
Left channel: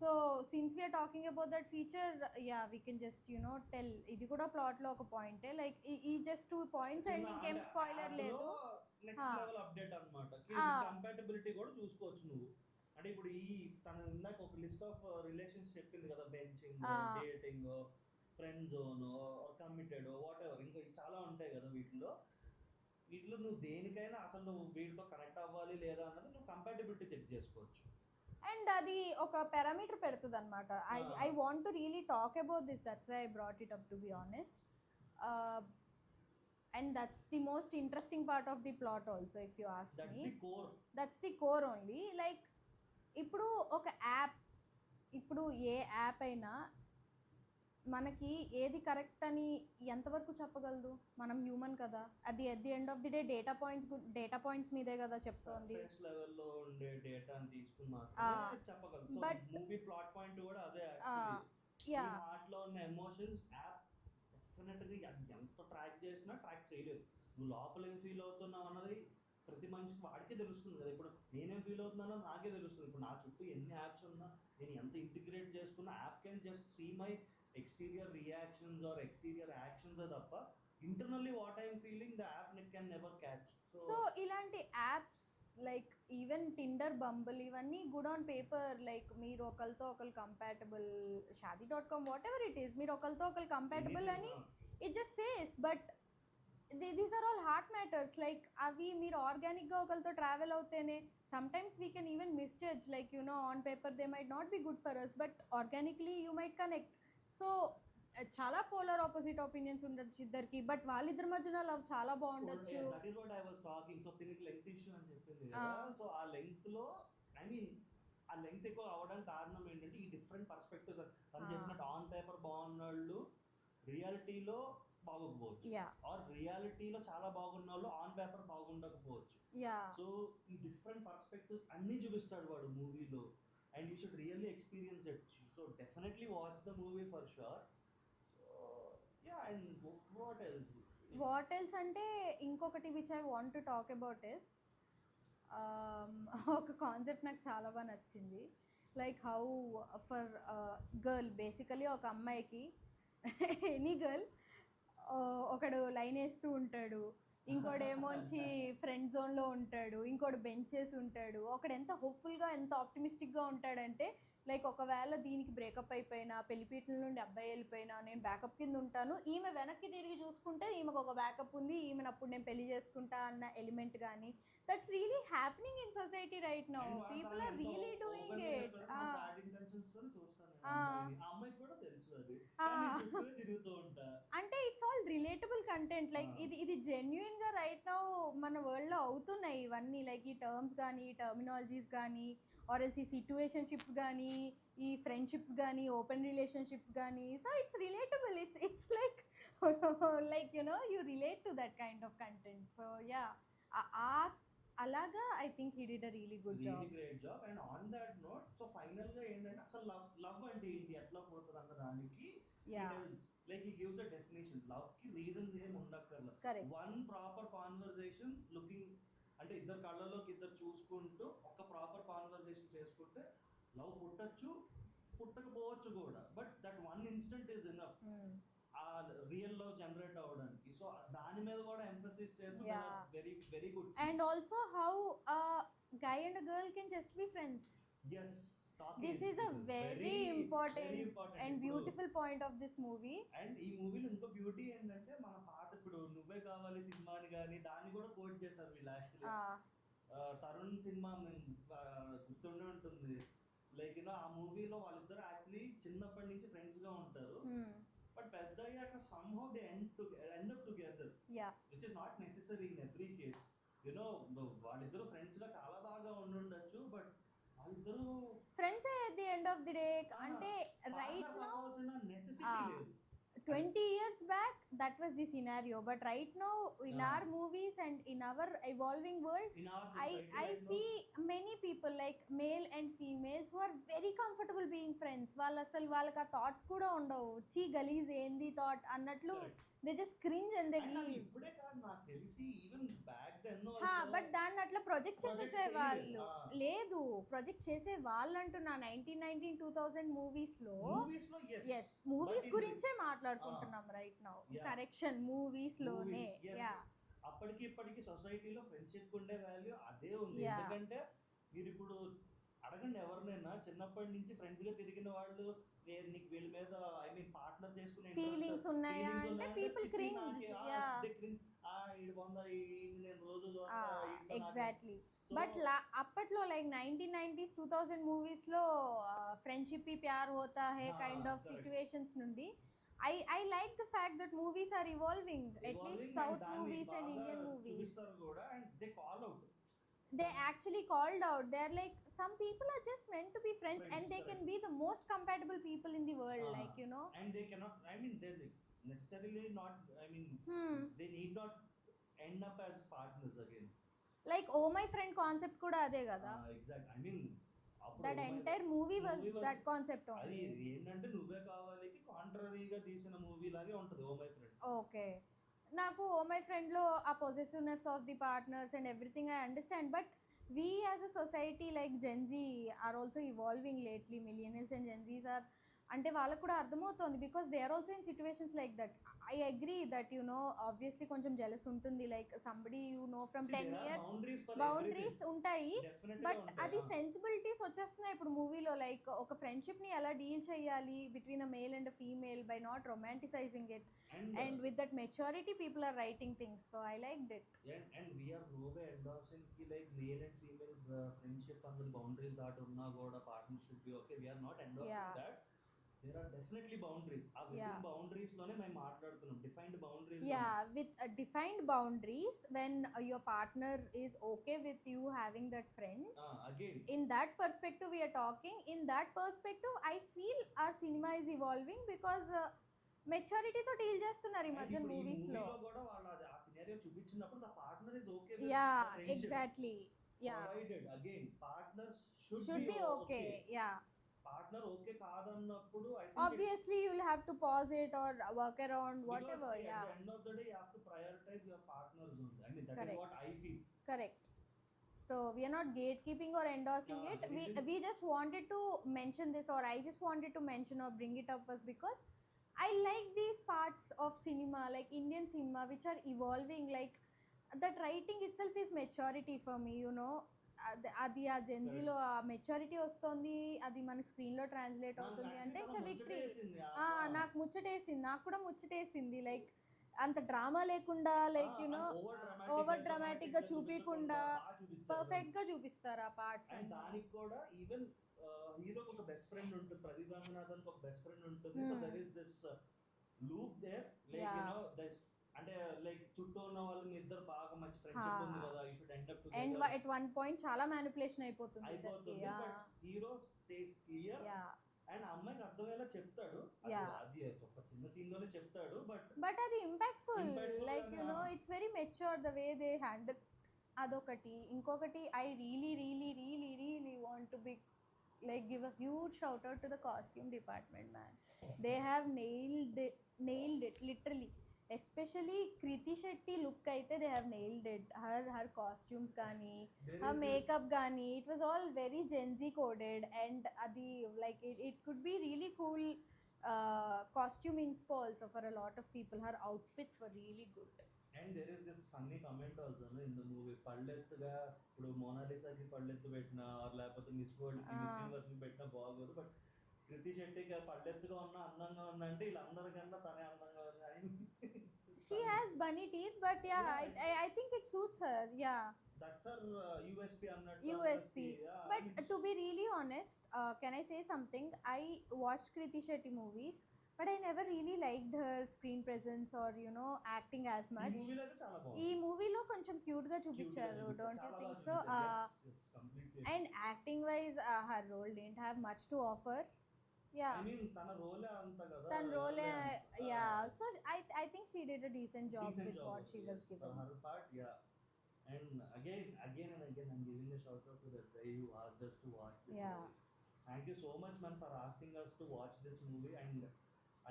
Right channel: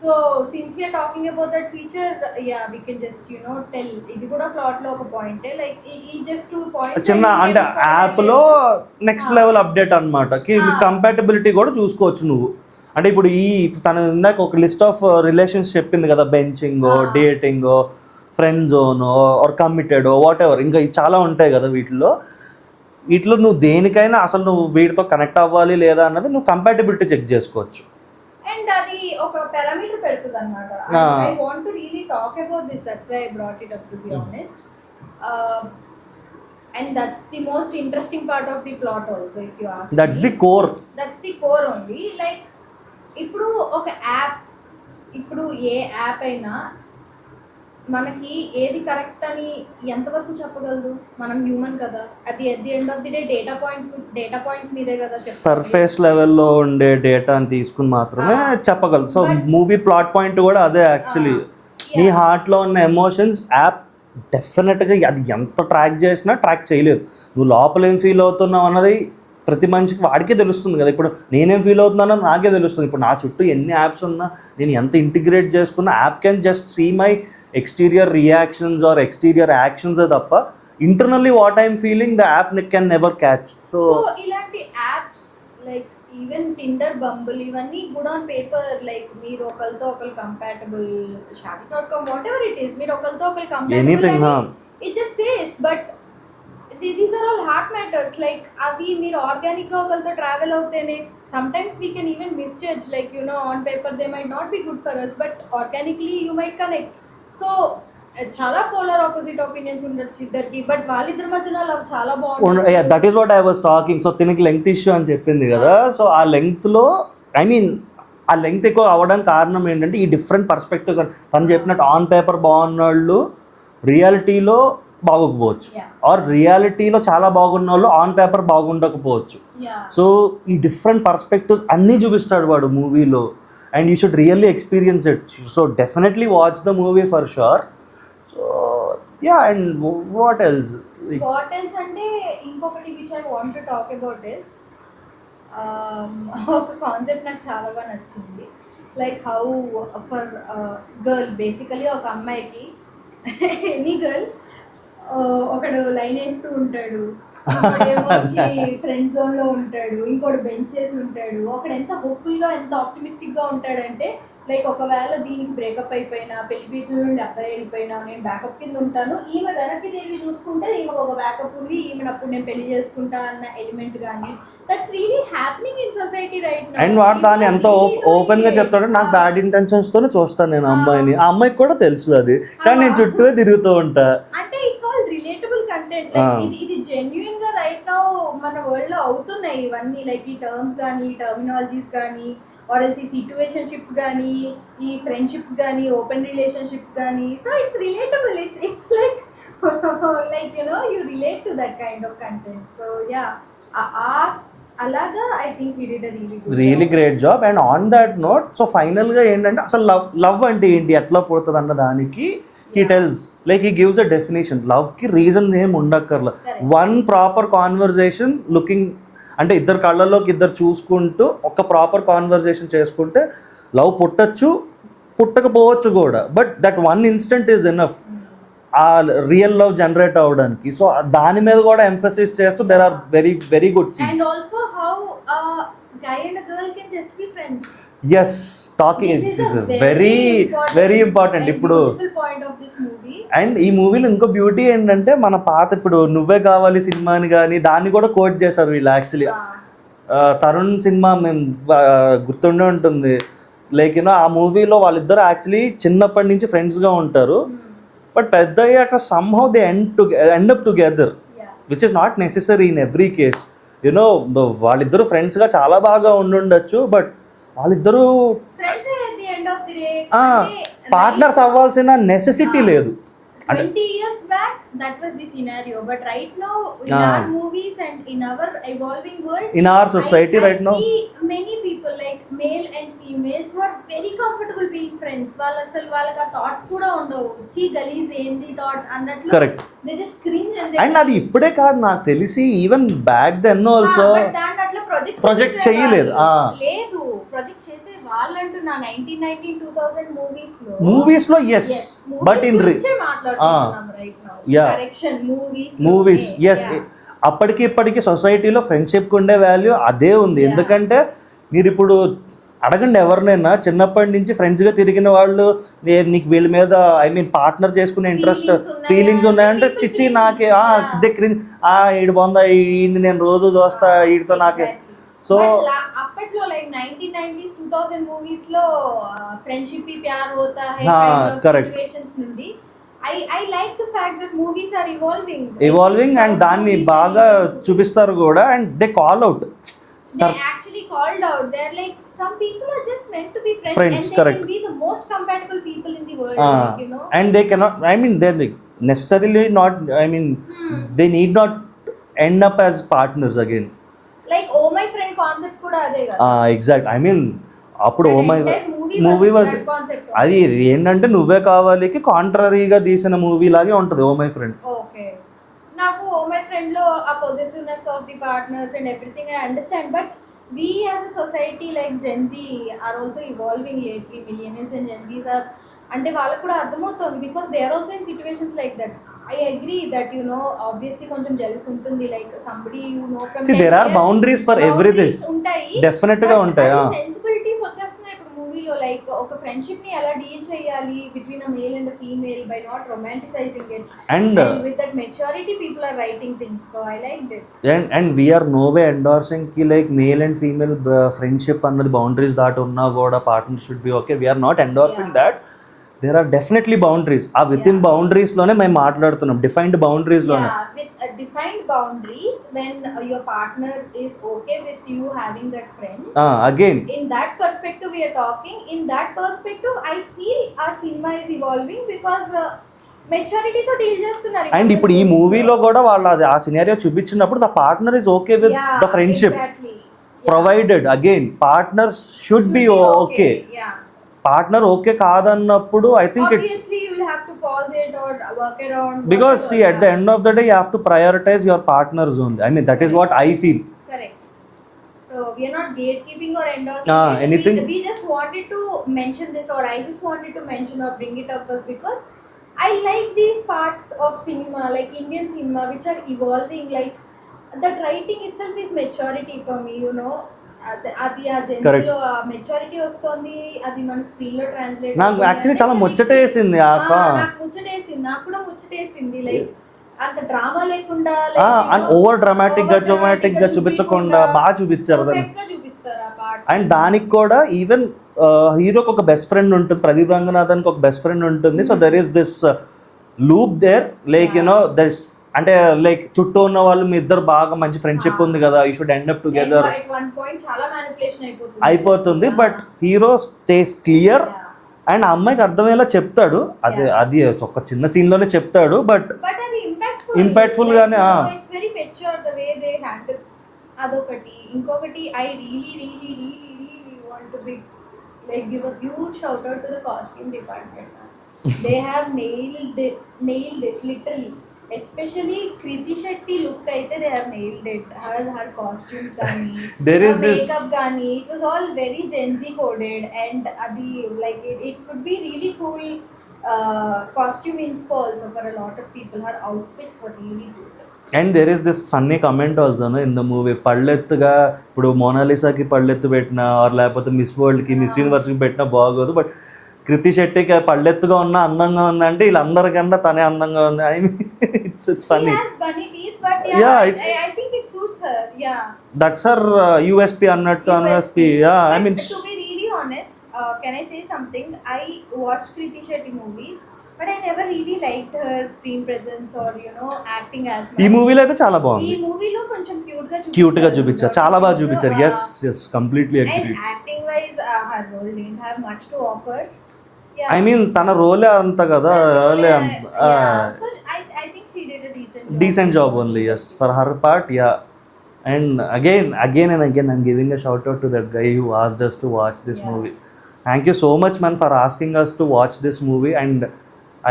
So since we are talking about that feature, yeah we can just tell. ఇది కూడా ప్లాట్ లో ఒక పాయింటే, లైక్ ఈ జస్ట్ 2 పాయింట్స్ చిన్న అంటే యాప్ లో నెక్స్ట్ లెవెల్ అప్డేట్ అన్నమాట. కంపాటబిలిటీ కూడా చూసుకోవచ్చు నువ్వు. అంటే ఇప్పుడు తను ఇందాక ఒక లిస్ట్ ఆఫ్ రిలేషన్స్ చెప్పింది కదా, benching, dating, friend zone or committed whatever, ఇంకా చాలా ఉంటాయి కదా. వీటిలో నువ్వు దేనికైనా అసలు నువ్వు వీటితో కనెక్ట్ అవ్వాలి లేదా అన్నది నువ్వు కంపాటబిలిటీ చెక్ చేసుకోవచ్చు. అండ్ అది ఒక పారామీటర్ పెడుతుంది అన్నమాట. I want to really talk about this, that's why I brought it up to be honest. And that's the most interesting part of the plot also, if you ask that's me. the core. That's the core only. Like ఇప్పుడు ఒక app, ఇప్పుడు ఏ app అయినా మనకి ఏది correct అని ఎంతవరకు చెప్పగలదు? మనం human కదా, అది at the end of the day data points మీదే కదా. సర్ఫేస్ లెవెల్లో ఉండే డేటాని తీసుకుని మాత్రమే చెప్పగలదు. సో మూవీ ప్లాట్ పాయింట్ కూడా అదే యాక్చువల్లీ. నీ హార్ట్లో ఉన్న ఎమోషన్స్ యాప్ డెఫినెట్గా అది ఎంత ట్రాక్ చేసినా ట్రాక్ చేయలేదు. నువ్వు లోపల ఏం ఫీల్ అవుతున్నావు అన్నది ప్రతి మనిషికి వాడికే తెలుస్తుంది కదా. ఇప్పుడు నేనేం ఫీల్ అవుతున్నానో నాకే తెలుస్తుంది. ఇప్పుడు నా చుట్టూ ఎన్ని యాప్స్ ఉన్నా నేను ఎంత ఇంటిగ్రేట్ చేసుకున్నా app can just see my exterior reactions or exterior actions తప్ప internally what I'm feeling the app can never catch. So ఇలాంటి apps like even Tinder, Bumble ఇవన్నీ గుడ్ ఆన్ పేపర్, లైక్ మీరు ఒకరితో ఒకరు compatible, shaadi.com whatever it is, మీరు ఒకరితో ఒకరు anything compatible it just says, but these are all heart matters. Like అవి మీరు ఆర్గానిక్ గా ఒకరితో travel అవుతేనే sometimes we can even misjudge, like you know on paper they might not be good for us but organically you might connect. So చాలా polar opposite opinions ఉండొచ్చు ఇద్దరికి, but వాళ్ళిద్దరి మధ్యన love చాలా బాగుంటుంది. That is what I was talking. So తినకి length issue అని చెప్పింది కదా, సో ఆ లెంగ్త్లో ఐ మీన్ ఆ లెంగ్త్ ఎక్కువ అవ్వడానికి కారణం ఏంటంటే ఈ డిఫరెంట్ పర్స్పెక్టివ్స్. తను చెప్పినట్టు ఆన్ పేపర్ బాగున్న వాళ్ళు రియాలిటీలో బాగోకపోవచ్చు, ఆర్ రియాలిటీలో చాలా బాగున్న వాళ్ళు ఆన్ పేపర్ బాగుండకపోవచ్చు. సో ఈ డిఫరెంట్ పర్స్పెక్టివ్స్ అన్నీ చూపిస్తాడు వాడు మూవీలో, and you should really experience it. So definitely watch the movie for sure. So yeah, and what else అంటే ఇంకొకటి which I want to talk about is ఒక కాన్సెప్ట్ నాకు చాలా బాగా నచ్చింది. Like how for girl, basically ఒక అమ్మాయికి any girl ఒకడు లైన్ వేస్తూ ఉంటాడు, వచ్చి ఫ్రెండ్ జోన్ లో ఉంటాడు, ఇంకోటి బెంచ్ చేసి ఉంటాడు. ఒకడు ఎంత హోప్ఫుల్ గా ఎంత ఆప్టిమిస్టిక్ గా ఉంటాడంటే లైక్ ఒకవేళ దీనికి బ్రేకప్ అయిపోయినా, పెళ్లిపీటల నుండి అబ్బాయి అయిపోయినా నేను బ్యాకప్ కింద ఉంటాను, ఈమె వెనక్కి తిరిగి చూసుకుంటే ఈమెకు ఒక బ్యాకప్ ఉంది, ఈమెను అప్పుడు నేను పెళ్లి చేసుకుంటా అన్న ఎలిమెంట్ కానీ that's really happening in society right now. And వాడు దాన్ని ఎంత ఓపెన్ గా చెప్తాడు, నాకు బ్యాడ్ ఇంటెన్షన్స్ తోనే చూస్తాను నేను అమ్మాయిని, ఆ అమ్మాయికి కూడా తెలుసు అది, కానీ నేను చుట్టూ తిరుగుతూ ఉంటా. అంటే it's all relatable content. Like ఇది జెన్యూన్ గా రైట్ నౌ మన వరల్డ్ లో అవుతున్నాయి ఇవన్నీ, లైక్ ఈ టర్మ్స్ కానీ, టర్మినాలజీస్ కానీ, ఆర్ ఎల్స్ ఈ సిట్యుయేషన్షిప్స్ కానీ, ఈ ఫ్రెండ్షిప్స్ కానీ, ఓపెన్ రిలేషన్షిప్స్ కానీ. So it's relatable, it's like like you know you relate to that kind of content. So yeah, అలాగా I think he did a really great job. And on that note, so ఫైనల్గా ఏంటంటే అసలు love అంటే ఏంటి, ఎట్లా పుడుతుంది అన్న దానికి he tells, like he gives a definition. Love ki reason ఏం ఉండక్కర్లా, వన్ ప్రాపర్ కాన్వర్జేషన్ లుకింగ్, అంటే ఇద్దరు కళ్ళల్లోకి ఇద్దరు చూసుకుంటూ ఒక ప్రాపర్ కాన్వర్జేషన్ చేసుకుంటే లవ్ పుట్టచ్చు, పుట్టకపోవచ్చు కూడా, but that one instant is enough ఆ రియల్ లవ్ జనరేట్ అవ్వడానికి. సో దాని మీద కూడా ఎంఫసిస్ చేస్తూ there are very very good scenes. And also how guy and a girl can just be friends. Yes, talking is very important ఇప్పుడు. And ఈ మూవీలో ఇంకో బ్యూటీ ఏంటంటే మన పాత ఇప్పుడు నువ్వే కావాలి సినిమాని కానీ దాన్ని కూడా కోట్ చేశారు వీళ్ళు యాక్చువల్లీ. తరుణ్ సినిమా మేము గుర్తుండే ఉంటుంది, లైక్ యూనో ఆ మూవీలో వాళ్ళిద్దరు యాక్చువల్లీ చిన్నప్పటి నుంచి ఫ్రెండ్స్గా ఉంటారు, బట్ పెద్ద అయ్యాక somehow they end up together, which is not necessary in every case. You know వాళ్ళిద్దరు ఫ్రెండ్స్గా చాలా బాగా ఉండుండొచ్చు, బట్ వాళ్ళిద్దరూ పార్ట్నర్స్ అవ్వాల్సిన నెసెసిటీ లేదు. 20 years back that was the scenario, but right now in our movies and in our evolving world, in our society right now, I see many people like male and females who are very comfortable being friends. వాళ్ళకి ఆ thoughts కూడా ఉండవు, చీ గలీజ్ ఏంది thought అన్నట్లు. Correct. they just cringe and అది ఇప్పుడే కాదు, నాకు తెలిసి ఈవెన్ బ్యాక్ దెన్ ఆల్సో దాన్ని అట్లా ప్రొజెక్ట్ చేయలేదు. లేదు, ప్రొజెక్ట్ చేసే వాళ్ళంటూ నా 1990-2000 మూవీస్ లో yes, but in movies yes, అప్పటికి ఇప్పటికి సొసైటీలో ఫ్రెండ్షిప్ ఉండే వాల్యూ అదే ఉంది. ఎందుకంటే మీరు ఇప్పుడు అడగండి ఎవరినైనా, చిన్నప్పటి నుంచి ఫ్రెండ్స్గా తిరిగిన వాళ్ళు నీకు వీళ్ళ మీద ఐ మీన్ పార్ట్నర్ చేసుకునే ఇంట్రెస్ట్ ఫీలింగ్స్ ఉన్నాయంటే చిచ్చి నాకే ఈడు బాగుందా, ఈయన్ని నేను రోజు చూస్తా, వీడితో నాకే. సో అప్పట్లో లైక్ 1990s 2000 మూవీస్ లో ఫ్రెండ్షిప్ ప్యార్ హోతా హై సిట్యుయేషన్స్ నుండి I like the fact that movies are evolving and దాన్ని బాగా చూపిస్తారు కూడా, and they call out, they actually called out, they're like some people are just meant to be friends and they correct. can be the most compatible people in the world, like, you know, and they cannot, I mean they're necessarily not, I mean they need not end up as partners again. like oh my friend concept కూడా అదే కదా. Exact, I mean అప్పుడు oh my movie was అది ఏంటంటే నువ్వే కావాలికి కాంట్రరీగా తీసిన movie లాగే ఉంటుంది ఓ మై ఫ్రెండ్. ఓకే, నాకు ఓ మై ఫ్రెండ్ లో ఆ possessiveness of the partners and everything I understand, but we as a society like Gen Z are also evolving lately. Millennials and Gen Zs are, అంటే వాళ్ళకు కూడా అర్థమవుతుంది, because they are also in situations like that. I agree that obviously కొంచెం jealous ఉంటుంది, like somebody from See, 10 there are years boundaries for everything. boundaries ఉంటాయి. Definite గా ఉంటాయి. అది సెన్సిబిలిటీస్ వచ్చేస్తున్నాయి ఇప్పుడు మూవీలో, లైక్ ఒక ఫ్రెండ్షిప్ ని ఎలా డీల్ చేయాలి between a male and a female by not romanticising it, And and with that maturity people are writing things, so I liked it. and we are no way endorsing ki like male and female friendship అన్నది boundaries దాటి ఉన్నా కూడా partner should be okay. We are not endorsing Yeah. that. There are definitely boundaries. ఆ with in Yeah. Boundaries లోనే మేము మాట్లాడుతున్నాం, defined boundaries లోనే. Yeah, with defined boundaries, when your partner is okay with you having that friend, again in that perspective we are talking. In that perspective I feel our cinema is evolving because maturity తో deal చేస్తున్నారు. And ఇప్పుడు ఈ మూవీలో కూడా వాళ్ళు అది ఆ scenario చూపించినప్పుడు the partner is okay with the friendship provided. Again partner should be okay. Yeah. Partner okay కాదన్నప్పుడు I think it's Obviously you will have to pause it or work around, because whatever, see at the end of the day you have to prioritize your partner's only. I mean that is what I feel. correct. So we are not gatekeeping or endorsing it. Anything. We just wanted to mention this, or I just wanted to mention or bring it up was because I like these parts of cinema, like Indian cinema, which are evolving. Like that writing itself is maturity for me. అది ఆ జెన్లో ఆ maturity వస్తుంది, అది మన screen లో translate. నాకు actually చాలా ముచ్చటేసింది ఆ నాకు ముచ్చటేసింది, నాకు కూడా ముచ్చటేసింది. లైక్ అంత డ్రామా లేకుండా, ఓవర్ డ్రామాటిక్ గా చూపించకుండా బాగా చూపించారు దాన్ని. చూపిస్తారు ఆ పార్ట్. అండ్ దానికి కూడా ఈవెన్ హీరోకి ఒక బెస్ట్ ఫ్రెండ్ ఉంటుంది, ప్రదీప్ రంగనాథన్కి ఒక బెస్ట్ ఫ్రెండ్ ఉంటుంది. So there is this loop there, like there అంటే లైక్ చుట్టూ ఉన్న వాళ్ళు మీ ఇద్దరు బాగా మంచి ఫ్రెండ్షిప్ ఉంది కదా, you should end up together అయిపోతుంది. But hero stays clear and ఆ అమ్మాయికి అర్థమయ్యేలా చెప్తాడు. అది ఒక చిన్న సీన్ లోనే చెప్తాడు, బట్ ఇంపాక్ట్ఫుల్ గానే. It's very mature the way they handle. అదొకటి. ఇంకొకటి, I really want to be like give a huge shout out to the costume department. They have nailed it literally. Especially Kriti Shetty look aithe they have nailed it. Her costumes gaani, her makeup gaani, it was all very Gen Z coded, and adi like it could be really cool costume inspo also for a lot of people. Her outfits were really good. And there is this funny comment also in the movie. పళ్ళెత్తుగా ఇప్పుడు మోనాలిసాకి పళ్ళెత్తు పెట్టినా are లేకపోతే miss వరల్డ్కి miss యూనివర్స్కి పెట్టినా బాగోదు, but కృతి శెట్టికి పళ్ళెత్తుగా ఉన్నా అందంగా ఉందంటే వీళ్ళందరికన్నా తనే అందంగా ఉంది. I mean it's funny. I think it suits her. Yeah, that's her USP అన్నట్టు. USP. I mean, to be really honest, can I say something? I watched Kriti Shetty movies, but I never really liked her screen presence or acting as much. ఈ మూవీలో అయితే చాలా బాగుంది. ఈ మూవీలో కొంచెం cute గా చూపించారు, చాలా బాగా చూపించారు. yes completely agree. And acting wise her role didn't have much to offer. Yeah. I mean తన రోలే అంత కదా. So I think she did a decent job only. Yes, for her part. Yeah. And again and again I'm giving a shout out to that guy who asked us to watch this movie. Thank you so much, man, for asking us to watch this movie, and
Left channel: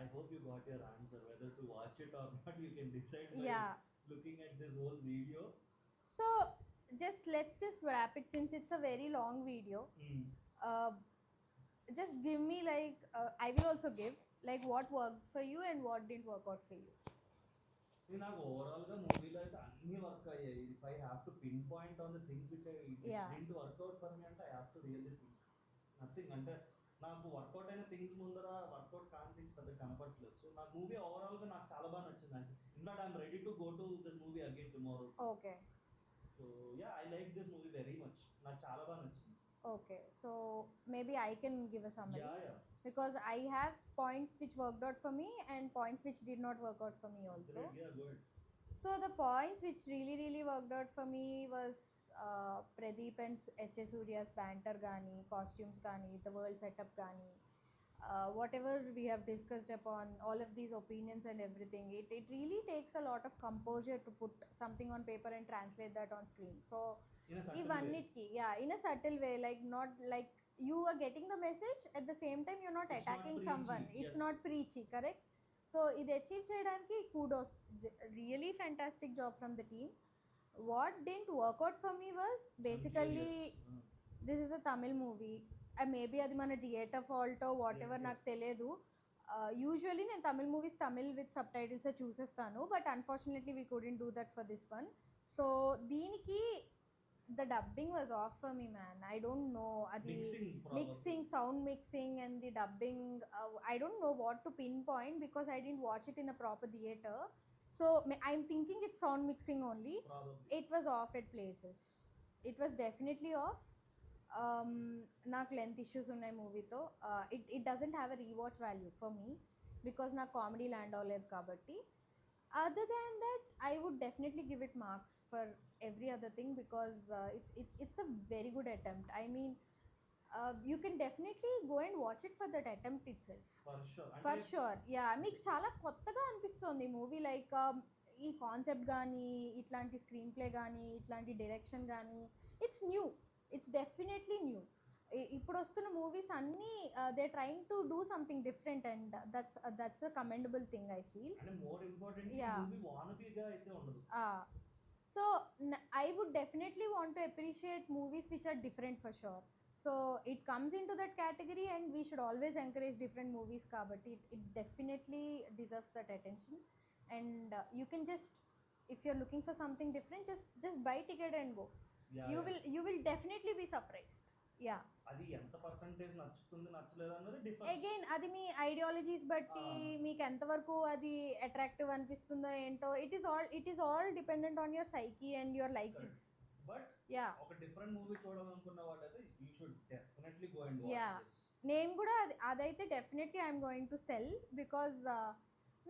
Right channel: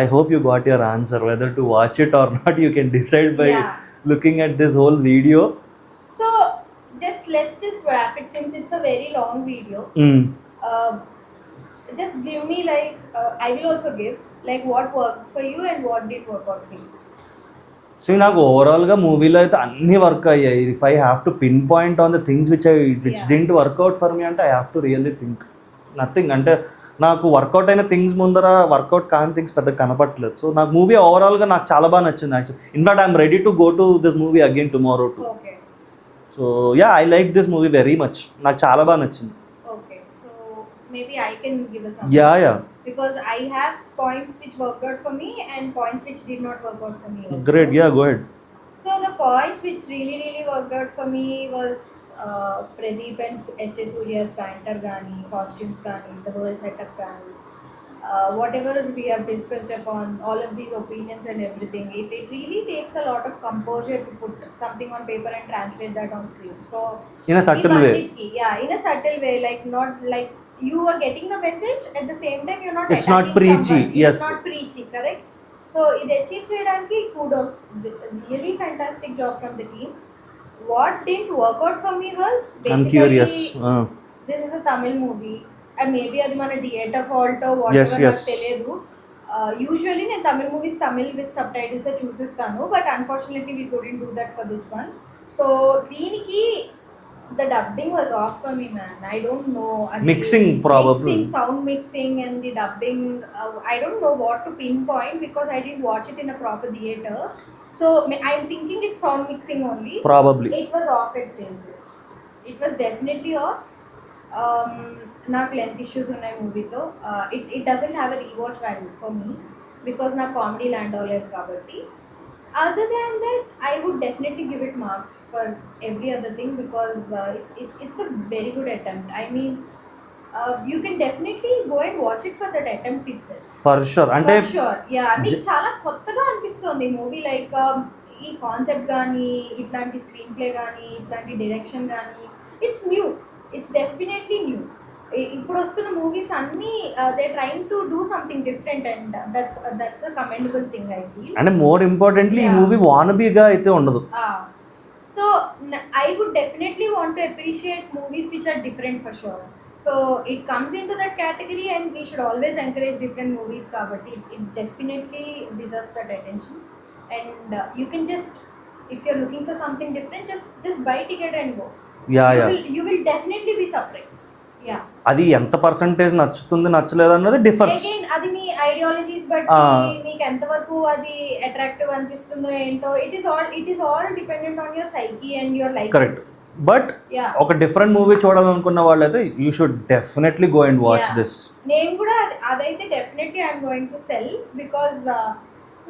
I hope you got your answer. Whether to watch it or not, you can decide by looking at this whole video. So let's just wrap it, since it's a very long video. Just give me like I will also give like what worked for you and what did work out for you. సో నాకు ఓవరాల్గా మూవీలో అయితే అన్నీ work అయ్యాయి. If I have to pinpoint on the things which didn't work out for me అంటే I have to really think nothing. అంటే నాకు వర్కౌట్ అయిన థింగ్స్ ముందర వర్కౌట్ కాని థింగ్స్ పెద్ద కనపట్లేదు. సో నాకు మూవీ ఓవరాల్గా నాకు చాలా బాగా నచ్చింది actually. In fact I'm ready to go to this movie again tomorrow to. So yeah, I like this movie very much. నాకు చాలా బాగా నచ్చింది. Okay, so maybe I can give a summary. Yeah. Because I have points which worked out for me and points which did not work out for me also. Great, yeah, go ahead. So the points which really worked out for me was Pradeep and S.J. Surya's banter gaani, costumes gaani, the whole setup gaani, whatever we have discussed upon, all of these opinions and everything, it really takes a lot of composure to put something on paper and translate that on screen. So in a subtle way. Yeah, in a subtle way, like not like you are getting the message at the same time you're not. It's not preachy. Somebody. Yes. It's not preachy, correct? So ఇది achieve చేయడానికి kudos, really fantastic job from the team. What didn't work out for me was basically, I'm curious. This is a Tamil movie and maybe అది మన theatre fault or whatever, నాకు తెలియదు. Usually నేను Tamil movies Tamil with subtitles చూసేస్తాను, but unfortunately we couldn't do that for this one. So దీనికి the dubbing was off for me, man. I don't know. Mixing probably. Mixing, sound mixing and the dubbing. I don't know what to pinpoint because I didn't watch it in a proper theater. So I'm thinking it's sound mixing only. Probably. It was off at places. It was definitely off. నాకు length issues ఉన్నాయి మూవీతో. It doesn't have a rewatch value for me because నాకు comedy land అవ్వలేదు కాబట్టి. Other than that, I would definitely give it marks for every other thing because it's a very good attempt. I mean, you can definitely go and watch it for that attempt itself. For sure. And for sure. Yeah, మీకు చాలా కొత్తగా అనిపిస్తుంది movie. Like ఈ concept కానీ, ఇట్లాంటి screen play కానీ, ఇట్లాంటి direction కానీ, it's new. It's definitely new. ఇప్పుడు వస్తున్న మూవీస్ అన్నీ they trying to do something different and that's a commendable thing I feel. And more importantly ఈ మూవీ వానబీగా అయితే ఉండదు. So I would definitely want to appreciate movies which are different for sure. So it comes into that category and we should always encourage different movies కాబట్టి it definitely deserves that attention. And you can just if you're looking for something different just by ticket and go. You will definitely be surprised. అది ఎంత percentage నచ్చుతుంది నచ్చలేదు అన్నది differs. అది మీ ideologies బట్టి మీకు ఎంతవరకు అది అట్రాక్టివ్ అనిపిస్తుందో ఏంటో it is all dependent on your psyche and your life. Correct. But ఒక డిఫరెంట్ మూవీ చూడాలనుకున్న వాళ్ళైతే you should definitely go and watch this. నేను కూడా అదైతే definitely I'm going to cell because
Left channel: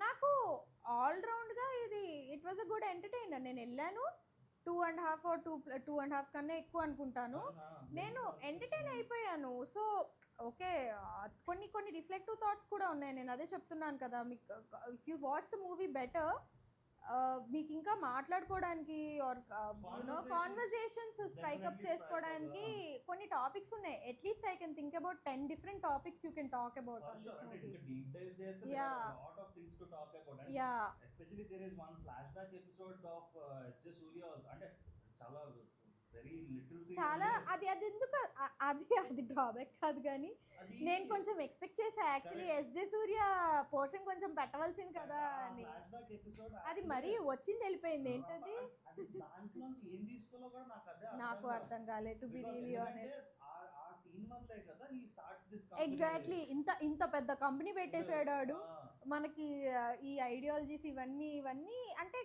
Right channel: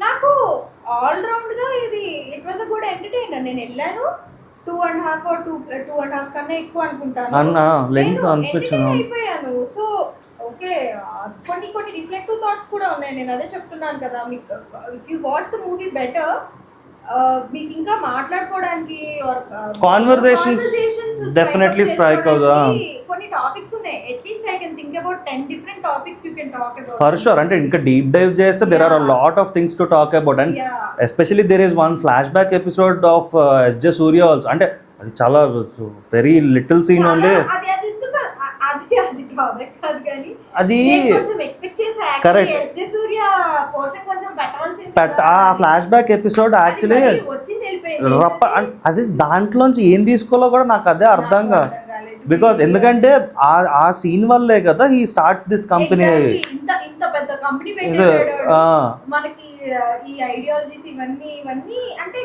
నాకు ఆల్ రౌండ్ గా ఇది it was a good entertainer. నేను వెళ్ళాను 2.5 or 2.5 కన్నా ఎక్కువ అనుకుంటాను అన్న లెంగ్త్ అనిపించింది అయిపోయాను. సో ఓకే, కొన్ని రిఫ్లెక్టివ్ థాట్స్ కూడా ఉన్నాయి. నేను అదే చెప్తున్నాను కదా, మీకు if you watch the movie better మీకు ఇంకా మాట్లాడుకోవడానికి కాన్వర్సేషన్స్ డెఫినెట్లీ స్ట్రైక్ అవుతాయి. కొన్ని టాపిక్స్ ఉన్నాయి. At least I can think about 10 different topics you can talk about. For sure. అంటే ఇంకా డీప్ డైవ్ చేస్తే there are a lot of things to talk about and especially there is one flashback episode of SJ Surya also. అంటే అది చాలా very little scene only. అది topic కాదు కానీ అది కొంచెం ఎక్స్పెక్ట్ చేసా. SJ Surya పోర్షన్ కొంచెం పెట్టవలసింది. ఆ ఫ్లాష్ బ్యాక్ ఎపిసోడ్ యాక్చువల్లీ అది దాంట్లోంచి ఏం తీసుకోవాలో కూడా నాకు అదే అర్థం కాదు. బికాస్ ఎందుకంటే ఆ సీన్ వల్లే కదా హీ స్టార్ట్స్ దిస్ కంపెనీ. ఇంత పెద్ద కంపెనీ పెట్టేసాడు మనకి. ఈ ఐడియాలజీస్ ఇవన్నీ అంటే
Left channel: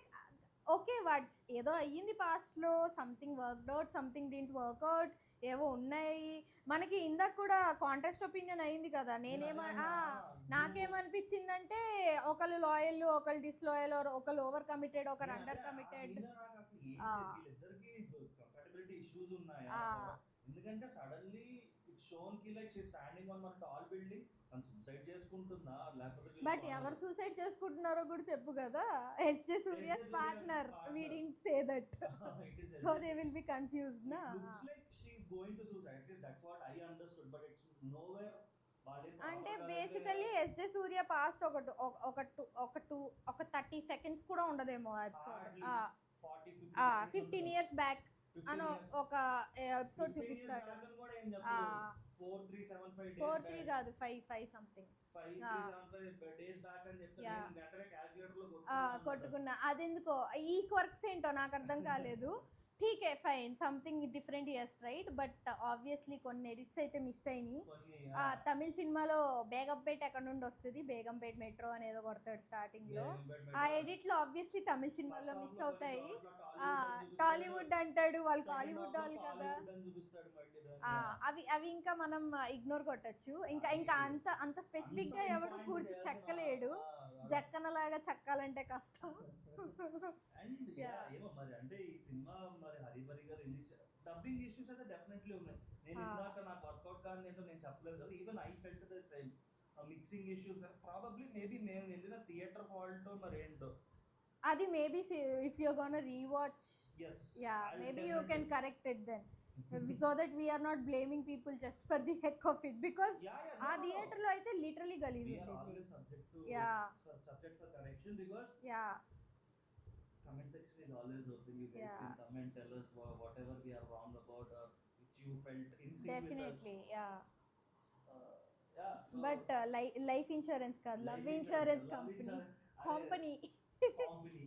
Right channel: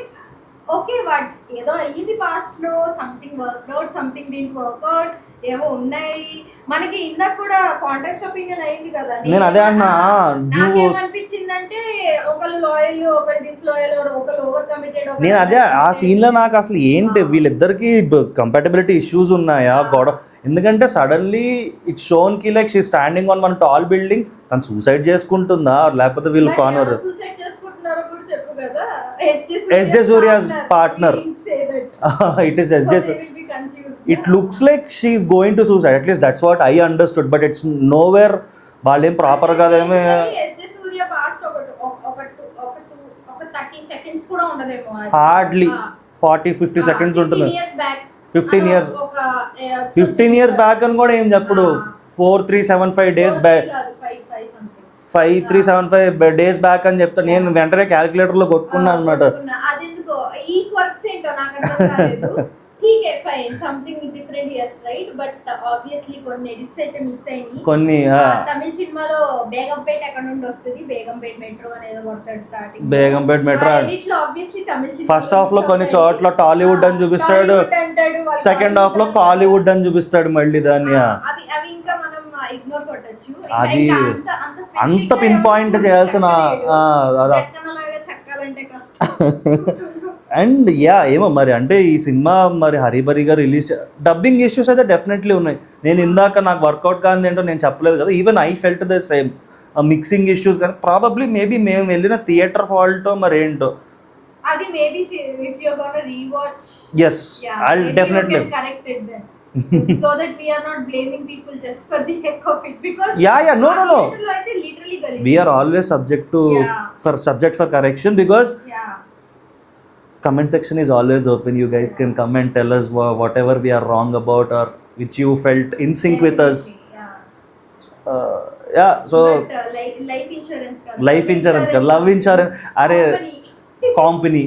ఓకే వాట్ ఏదో అయ్యింది పాస్ట్ లో, something work out, something didn't work out, ఏవో ఉన్నాయి మనకి. ఇందాక కూడా కాంట్రాస్ట్ ఒపీనియన్ అయింది కదా. నేను అదే అన్నా, నాకేమనిపించిందంటే ఒకళ్ళు లాయల్, ఒకళ్ళు డిస్లాయల్, ఒకళ్ళు ఓవర్ కమిటెడ్. నేను అదే ఆ సీన్ లో నాకు అసలు ఏంటి వీళ్ళిద్దరికి కంపాటబిలిటీ ఇష్యూస్ ఉన్నాయా గొడవ. ఎందుకంటే సడన్లీ ఇట్స్ షోన్ కి like she standing on one tall building, తను సూసైడ్ చేసుకుంటుందా లేకపోతే వీళ్ళు కానర్ సూసైడ్ చేసుకుంటున్నారో కూడా చెప్పు కదా. SJ Surya's partner. It is SJ. It looks like she is going to suicide. At least that's what I understood. But it's nowhere. వాళ్ళేం proper గా ఏమే. SJ Surya past ఒక 30 seconds కూడా ఉండదేమో. హార్డ్లీ 40-50 seconds ఉంటుంది. 15 years బ్యాక్ అని కూడా ఏం చెప్పడు. 4375 days బ్యాక్, 5375 days బ్యాక్ అని చెప్తా. నేను వెంటనే క్యాలిక్యులేటర్ లో కొట్టుకున్నాను అన్నమాట. ఈ వర్క్స్ ఏంటో నాకు అర్థం కాలేదు. ठीक है fine something different yes right but obviously కొన్ని ఎడిట్స్ అయితే మిస్ అయినాయి. కొన్ని తమిళ సినిమాలో బేగంపేట ఎక్కడ నుండి వస్తది, బేగంపేట మెట్రో అనేది కొడతాడు స్టార్టింగ్. బేగంపేట మెట్రో ఎడిట్ లో ఆబ్వియస్లీ తమిళ సినిమా ఫస్ట్ హాఫ్ లో కొన్ని చోట్ల టాలీవుడ్ అని చూపిస్తాడు, సెకండ్ హాఫ్ లో కాలీవుడ్ అని చూపిస్తాడు మళ్ళీ దాన్ని. అవి ఇంకా మనం ఇగ్నోర్ కొట్టొచ్చు. అది అంత పిన్ పాయింట్ చేయాల్సిన చక్కనలాగా చక్కాలంటే కష్టం. అండ్ యా ఏమో మరి అంటే ఈ సినిమా మరి హరిబరిగా రిలీజ్ డబ్బింగ్ ఇష్యూస్ అయితే డెఫినెట్లీ ఉన్నాయి. నేను ఇందాక నాకు వర్కౌట్ కాదు ఏంటో నేను చెప్పలేదు కదా. Even I felt the same mixing issues కానీ ప్రాబబ్లీ మేబీ మేము వెళ్ళిన థియేటర్ ఫాల్టో మరి ఏంటో. అది maybe if you are gonna rewatch yes I'll definitely correct it then so that we are not blaming people just for the heck of it because yeah no literally we are always subject for correction because comment section is always open. You guys can come and tell us whatever we are wrong about or which you felt in sync with us. Yeah so life insurance life insurance కదా, love insurance, అరే company.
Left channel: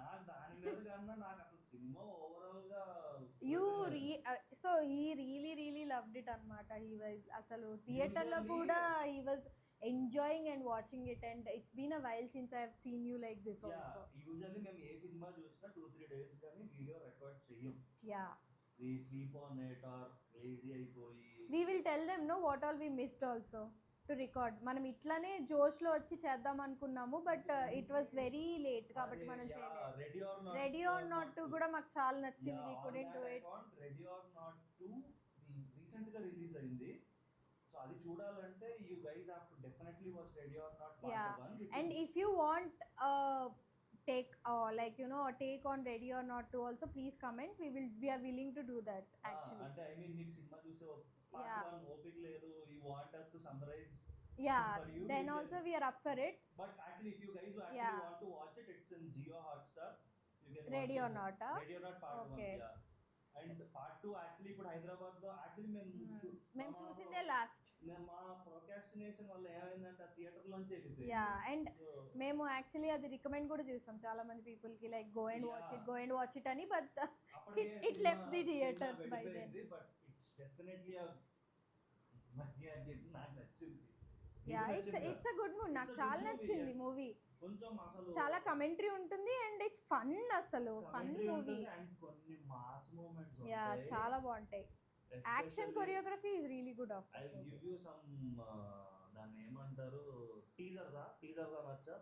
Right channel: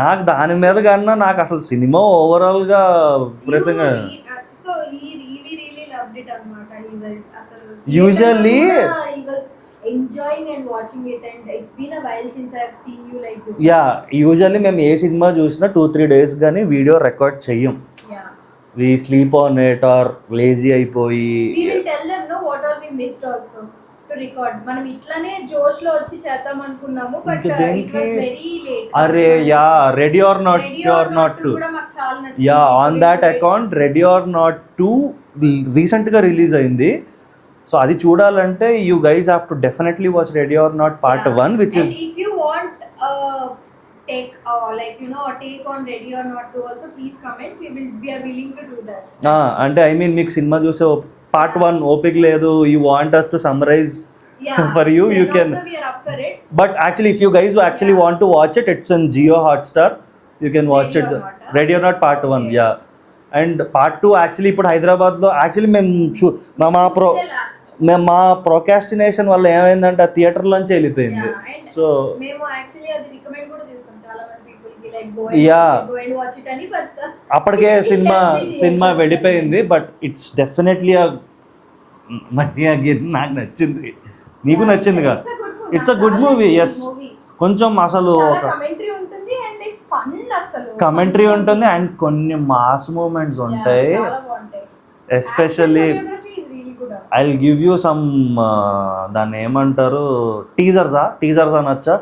నాకు దాని మీద కన్నా నాకు అసలు cinema ఓవరాల్గా విపరీతంగా so he really loved it అన్నమాట. అసలు usually enjoying and watching it, and it's been a while since I've seen you like this. Yeah usually మేము ఏ సినిమా చూసినా 2-3 days కానీ వీడియో రికార్డ్ చెయ్యం. Yeah, we sleep on it or lazy అయిపోయి. we will tell them no what all we missed also to record. మనం ఇట్లానే జోష్ లో వచ్చి చేద్దాం అనుకున్నాము, బట్ ఇంకా it దేనికి? was very late. అరే yeah ready or not not two, కూడా మాకు చాలా నచ్చింది. Yeah on that account ready or not two రీసెంట్గా రిలీజ్ అయింది. సో అది చూడాలంటే you guys have to definitely watch ready or not part 1 which is. And if you want take like you know a take on ready or not to also, please comment. We are willing to do that. అంటే I mean మీకు సినిమా చూసే part 1 ఓపిక లేదు, you want us to summarise for you, then you can also we are up for it. but actually if you guys actually want to watch it, it's on Jio Hotstar, you can watch Ready it. or Not, huh? Ready or Not part 1, Okay. yeah. And part 2 actually ఇప్పుడు హైదరాబాద్లో actually మేము మా procrastination వల్ల ఏమైందంటే ఆ థియేటర్లోంచి వెళ్ళిపోయింది. Yeah, and so మేము actually అది రికమెండ్ కూడా చేస్తాం చాలా మంది పీపుల్ కి, like go and watch it అని, but అప్పటికే సినిమా reactions వెళ్ళిపోయింది. But it's definitely money again నాకు నచ్చింది, నీకు నచ్చిందిగా. It's a good movie, yes. కొంచెం అసలు ఒక కమెంటరీ ఉంటుంది అండ్ ఇట్స్ ఫన్, అసలు కమెంటరీ ఉంటుంది అండ్ కొన్ని మాస్ మూమెంట్స్ ఉంటాయి. చాలా బాగుంటాయి. Especially I will give you some దాన్ని ఏమంటారు, టీజర్స్ అనొచ్చా.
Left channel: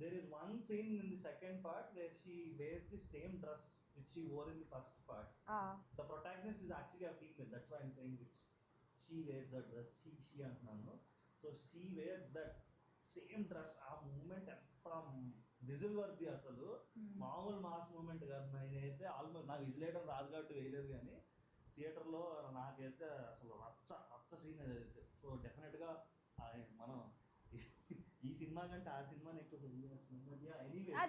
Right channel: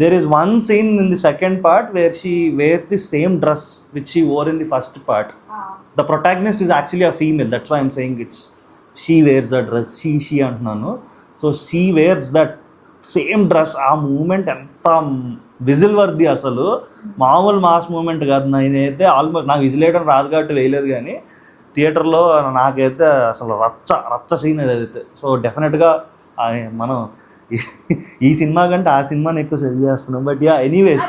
There is one scene in the second part where she wears the same dress which she wore in the first part. The protagonist is actually a female, that's why I'm saying it's she wears a dress, she అంటున్నాను. So she wears that same dress. ఆ moment ఎంత whistle worthy, అసలు మామూలు mass moment కాదు. నేనైతే almost నాకు whistle వేయడం రాదు కాబట్టి వేయలేదు, కానీ థియేటర్లో నాకైతే అసలు రచ్చ సీన్ ఏదైతే. సో డెఫినెట్గా మనం ఈ సినిమా కంటే ఆ సినిమాని ఎక్కువ సెల్ చేస్తున్నాం. But yeah anyways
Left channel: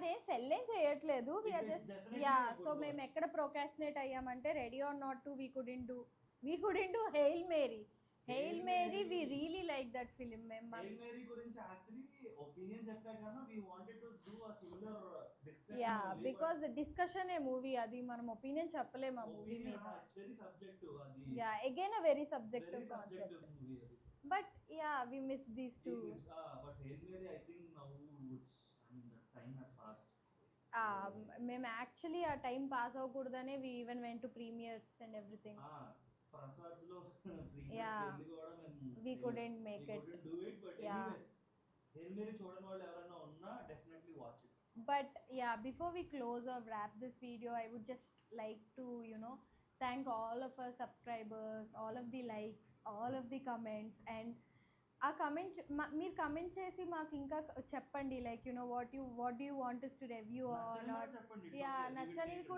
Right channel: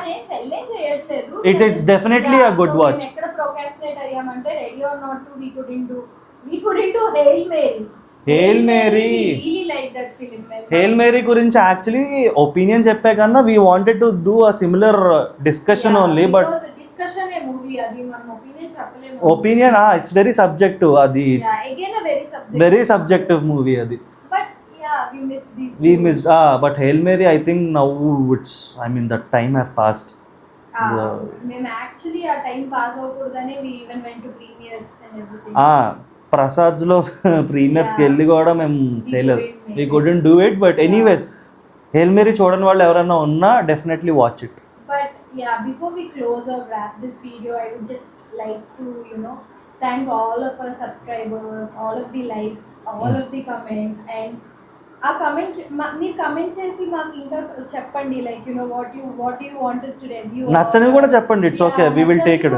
it's definitely a good watch. ఎక్కడ ప్రోకాస్టినేట్ అయ్యామంటే ready or not to we couldn't do Hail Mary. Hail Mary, really like that film. Hail Mary గురించి యాక్చువల్లీ ఒపీనియన్ చెప్పే కన్నా we wanted to do a similar discussion only. But discussion ఏ movie, అది మనం opinion చెప్పలేము. Opinion it's very subjective, అది again a very subjective movie అది. but yeah, we missed but hail Mary I think now it's I mean that time has passed. మేము actually ఆ time pass అవ్వకూడదని we even went to premieres and everything. ప్రసాద్స్లో ప్రీమియర్స్కి వెళ్ళి కూడా మేము చేయలేదు, we couldn't do it. But anyways Hail Mary చూడని వాళ్ళు ఎవరైనా ఉన్నా definitely watch it. But yeah, before we close or wrap this video, I would just like to thank all of our subscribers, all of the likes, all of the comments, and ఆ comment మీరు comment చేసి మాకు ఇంకా చెప్పండి, like what you want us to review. నచ్చని కూడా చెప్పండి, it's okay, we will take it.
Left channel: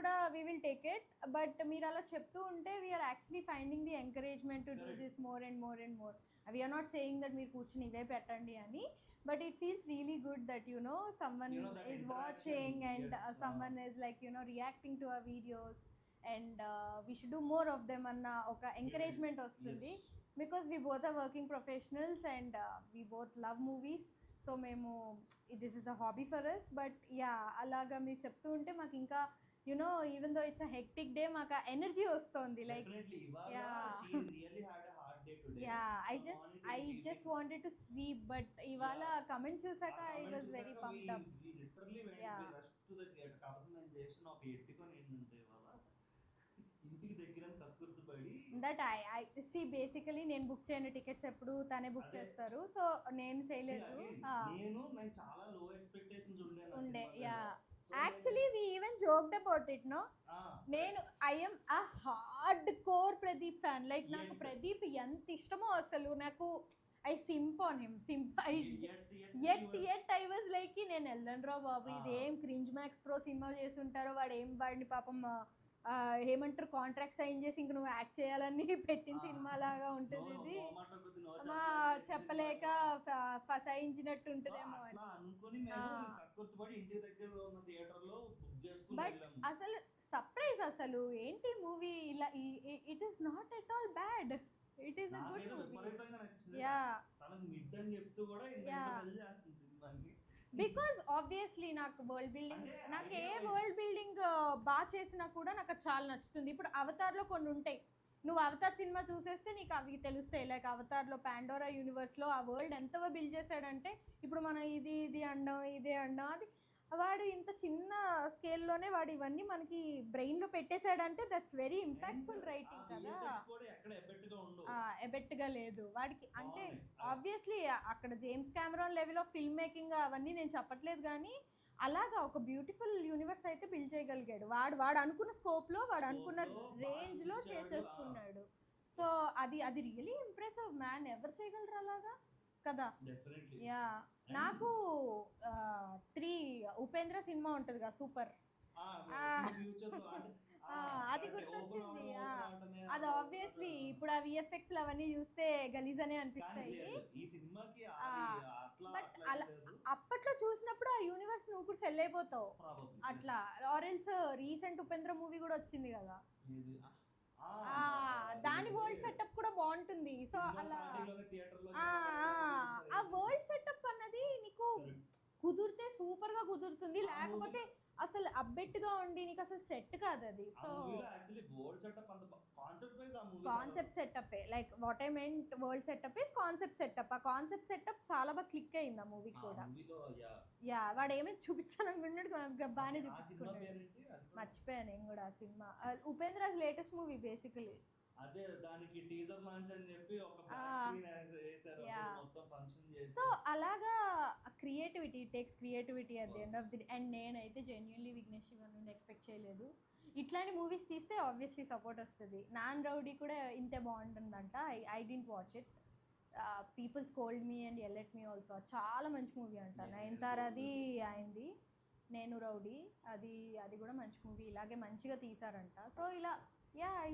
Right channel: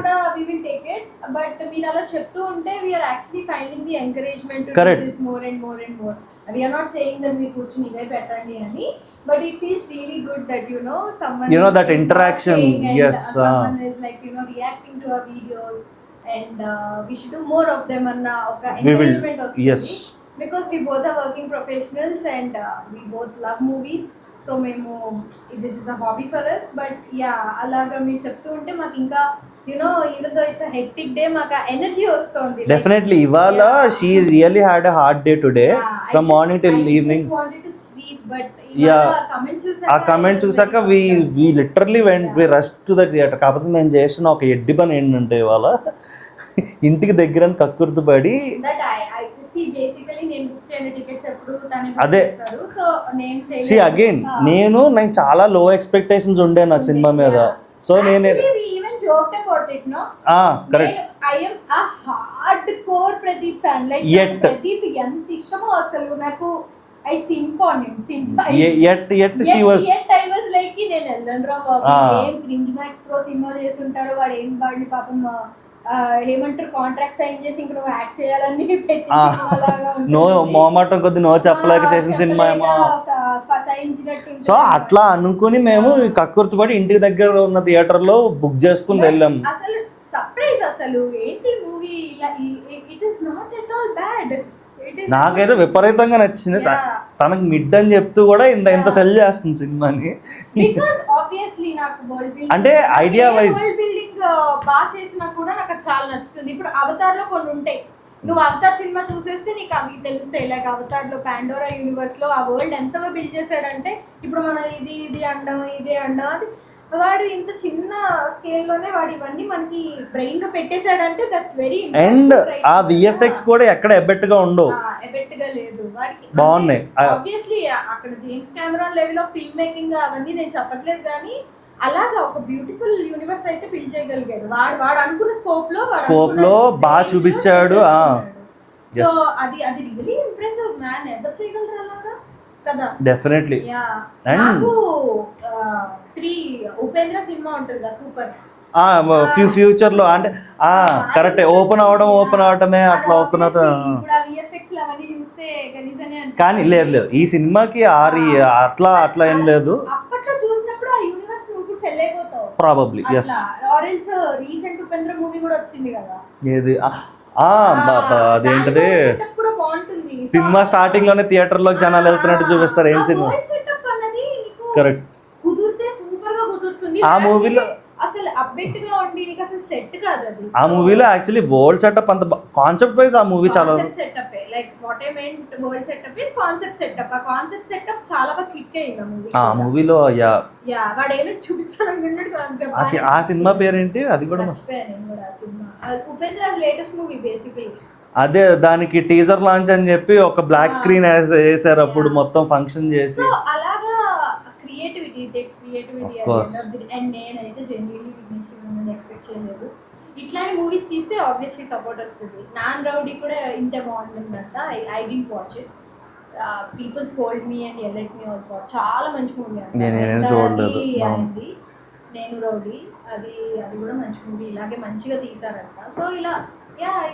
But మీరు అలా చెప్తూ ఉంటే we are actually finding the encouragement to Correct. do this more and more and more. We are not saying that మీరు కూర్చుని ఇవే పెట్టండి అని, but it feels really good that someone that is interaction, watching and yes, someone is like reacting to our videos, and we should do more of them anna oka encouragement vasthundi. Yes, Because we both are working professionals and we both love movies, so మేము this is a hobby for us. But yeah, అలాగా మీరు చెప్తూ ఉంటే మాకు ఇంకా even though it's a hectic day, మాకు energy వస్తుంది. Definitely ఇవాళ she really had a hard day today from morning till evening. ఆ కమెంట్ చూసాక we literally we rush to the theatre. కాకపోతే మేము చేసిన ఒక ఎడ్డి పని ఏంటంటే ఇవాళ ఇంటికి దగ్గర కక్కుర్తి పడి అదే నేను చాలా లో ఎక్స్పెక్టేషన్స్ ఉండే నా సినిమా మీద. సో నేను కరెక్ట్ ప్రదీప్ ఎంత ఇష్టమో అసలు నాకు. I simp on him. Yet she was. I was like, నేను వెళ్ళను రా బాబు, ఏం క్రింజ్ మ్యాక్స్ ప్రో సినిమా చేస్తుంటారు, వాడు ఏం వాడిని పాపం ఏమంటారు కాంట్రాక్ట్ సైన్ చేసి ఇంక నువ్వు యాక్ట్ చేయాలని పెట్టి నో మొహమాటం కొద్ది నో చెప్పలేక చేసిన సినిమా ఏమో. సో అట్లా అనుకుని మేము కక్కుర్తి పడి ఇంటికి దగ్గర ఉన్న థియేటర్ లో బుక్ చేసుకుని వెళ్ళాం. అసలు సర్ప్రైజ్, అసలు ఏంటి మూవీ ఇలా, it is not at all bad. It నాకైతే విపరీతంగా నచ్చింది. తనకు మిడ్ అని చెప్తూ కూడా ఇంత సెల్ చేస్తుంది సినిమాని. బికాజ్ ఆబ్వియస్లీ నాకు వరల్డ్ బిల్డింగ్ అంటే ఐడియా వైజ్ వరల్డ్ బిల్డింగ్ బాగా చేసినా కూడా నాకు అది చాలా నచ్చుతుంది. ఇప్పుడు అవతార్ లో కొన్ని ఉంటాయి, నువ్వు అవతార్ సినిమా చూసేస్తే నీకు అవి తెలుస్తాయి. లైక్ అవతార్ లో పాండోరా యూనివర్స్ లో ఆ వరల్డ్ ఎంత బిల్డ్ చేశాడంటే, ఇప్పుడు మనం ఇది అండం అది వాడు ఇంత చిన్న స్కేల్ లోనే వాడు ఇవన్నీ మనకి బ్రెయిన్ లో పెట్టేశాడంటే దట్స్ వెరీ. అండ్ ఆ విఎఫ్ఎక్స్ కూడా ఎక్కడ ఎబ్బెట్టుగా ఉండవు, ఎబ్బెట్టుగా లేదు వాడికి, బాగున్నాయి. ఆబ్వియస్లీ అక్కడ James Cameron level of film making అవన్నీ నేను చెప్పట్లేదు, కానీ అలాగా ఒక బ్యూటిఫుల్ యూనివర్స్ అయితే బిల్డ్ చేయగలిగాడు. వాడు అనుకున్న స్కోప్ లో బాగా చూపించాడు. సో అది రియల్లీ ఇంప్రెసివ్ మ్యాన్. ఎవరు చేయగలరు అలాగా కదా? డెఫినెట్లీ. నాకు 3 ఉపేంద్ర సినిమా ఉంటుంది కదా, సూపర్. ఫ్యూచర్ లో అంటే కరెక్ట్ ఓపెన్ అవడమే అట్లా ఓపెన్ అవుతా. కానీ లేదు ఈ సినిమాకి అట్లా ఏం లేదు. అప్పట్లో చూసినప్పుడు ఆ యూనివర్స్ నువ్వు సెల్ అయిపోతావు probably. Yes. Or else recent Upendra movie కూడా వచ్చింది కదా, ఏది అదేంటది, సినిమా స్టార్టింగ్ లోనే థియేటర్ లో జనాలు వెళ్తున్నట్టు చూపిస్తారు. ఏం సినిమా? కరెక్ట్. కుదిరితే సూపర్ గా కుదురుతుంది. ఆ మూవీలో అసలు అప్డేట్ గా ఉండి నీకు అసలు సెట్ కాదు అది. ఆ మూవీలో యాక్చువల్లీ వరల్డ్ సెటప్ అంత కాన్సెప్ట్ వైజ్ ఆ మూవీ చాలా setup like what I meant world setup is concept setup. ఆ కాన్సెప్ట్ సెటప్ చాలా బాగా క్లిక్ అయ్యింది ఆ మూవీ. ఆ మూవీలో వాడు ఏమీ చూపించాలనుకున్నాడు. ఆ సినిమా పేరేంటి? అది కూడా ఉపేంద్ర లేటెస్ట్ మూవీ బేసికలీ. అదే దానికి టీజర్ లాంచ్ అని చెప్పి ఒక బ్లాక్ స్క్రీన్ వేసారు అప్పుడు మొత్తం ఫంక్షన్ చేసి. అలాగా క్రియేటివిటీ టేక్స్ క్రియేటివిటీ అండ్ నేనైతే జెన్యున్లీ విఘ్నేశ్వరుని ఎక్స్పెక్ట్ చేయలేదు. ఇట్లాంటి మూవీస్ తీస్తే ఆబ్వియస్లీ సపోర్ట్ వస్తుంది. నాన్ రౌడీ కూడా ఇంత బాగుంటుందంట. I did watch it. People scold me and elate me also. చాలా మంచి మూవీ అండి. నేను రౌడీ అది కూడా మంచి మూవీ, ఇలాగే మంచిగా తీసారంట. సో ఇలా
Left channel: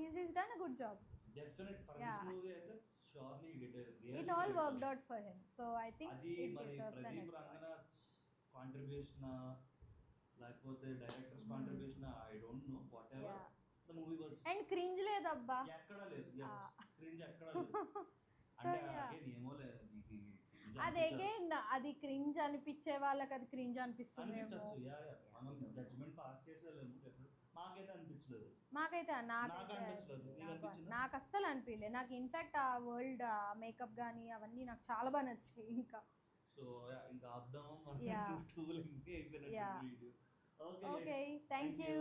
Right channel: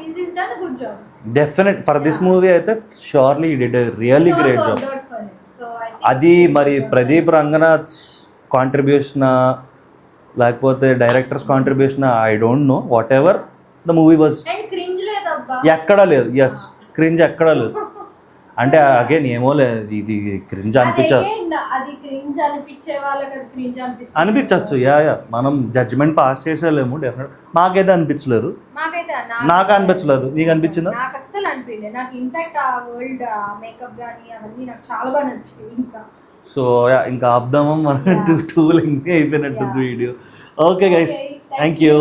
he's done a good job. Definite for this movie అయితే surely he did a really great job. అది మరి ప్రదీప్ రంగనాథ్ కాంట్రిబ్యూషన్ లేకపోతే directors contribution I don't know, what ever the movie was. ఎక్కడా లేదు. ఎస్, క్రింజ్ ఎక్కడా లేదు. అంటే అగైన్ ఏమో లేదు, ఇది క్రింజ్ అనిపించచ్చు. మనం జడ్జిమెంట్ పాస్ చేసేలేము. డెఫినెట్ మాకైతే అనిపించలేదు. నాకు అనిపించలేదు. నీకు అనిపించిందా? నాకు అస్సలు అనిపించలేదు. నాకు ఇన్ఫాక్ట్ ఆ వరల్డ్ మేకప్ గానీ అవన్నీ నాకు చాలా బాగా నచ్చింది. సో ఇంకా ఆపుదామా, మన 2 లెంగ్త్ అయిపోయినట్టు video. Okay guys, thank you.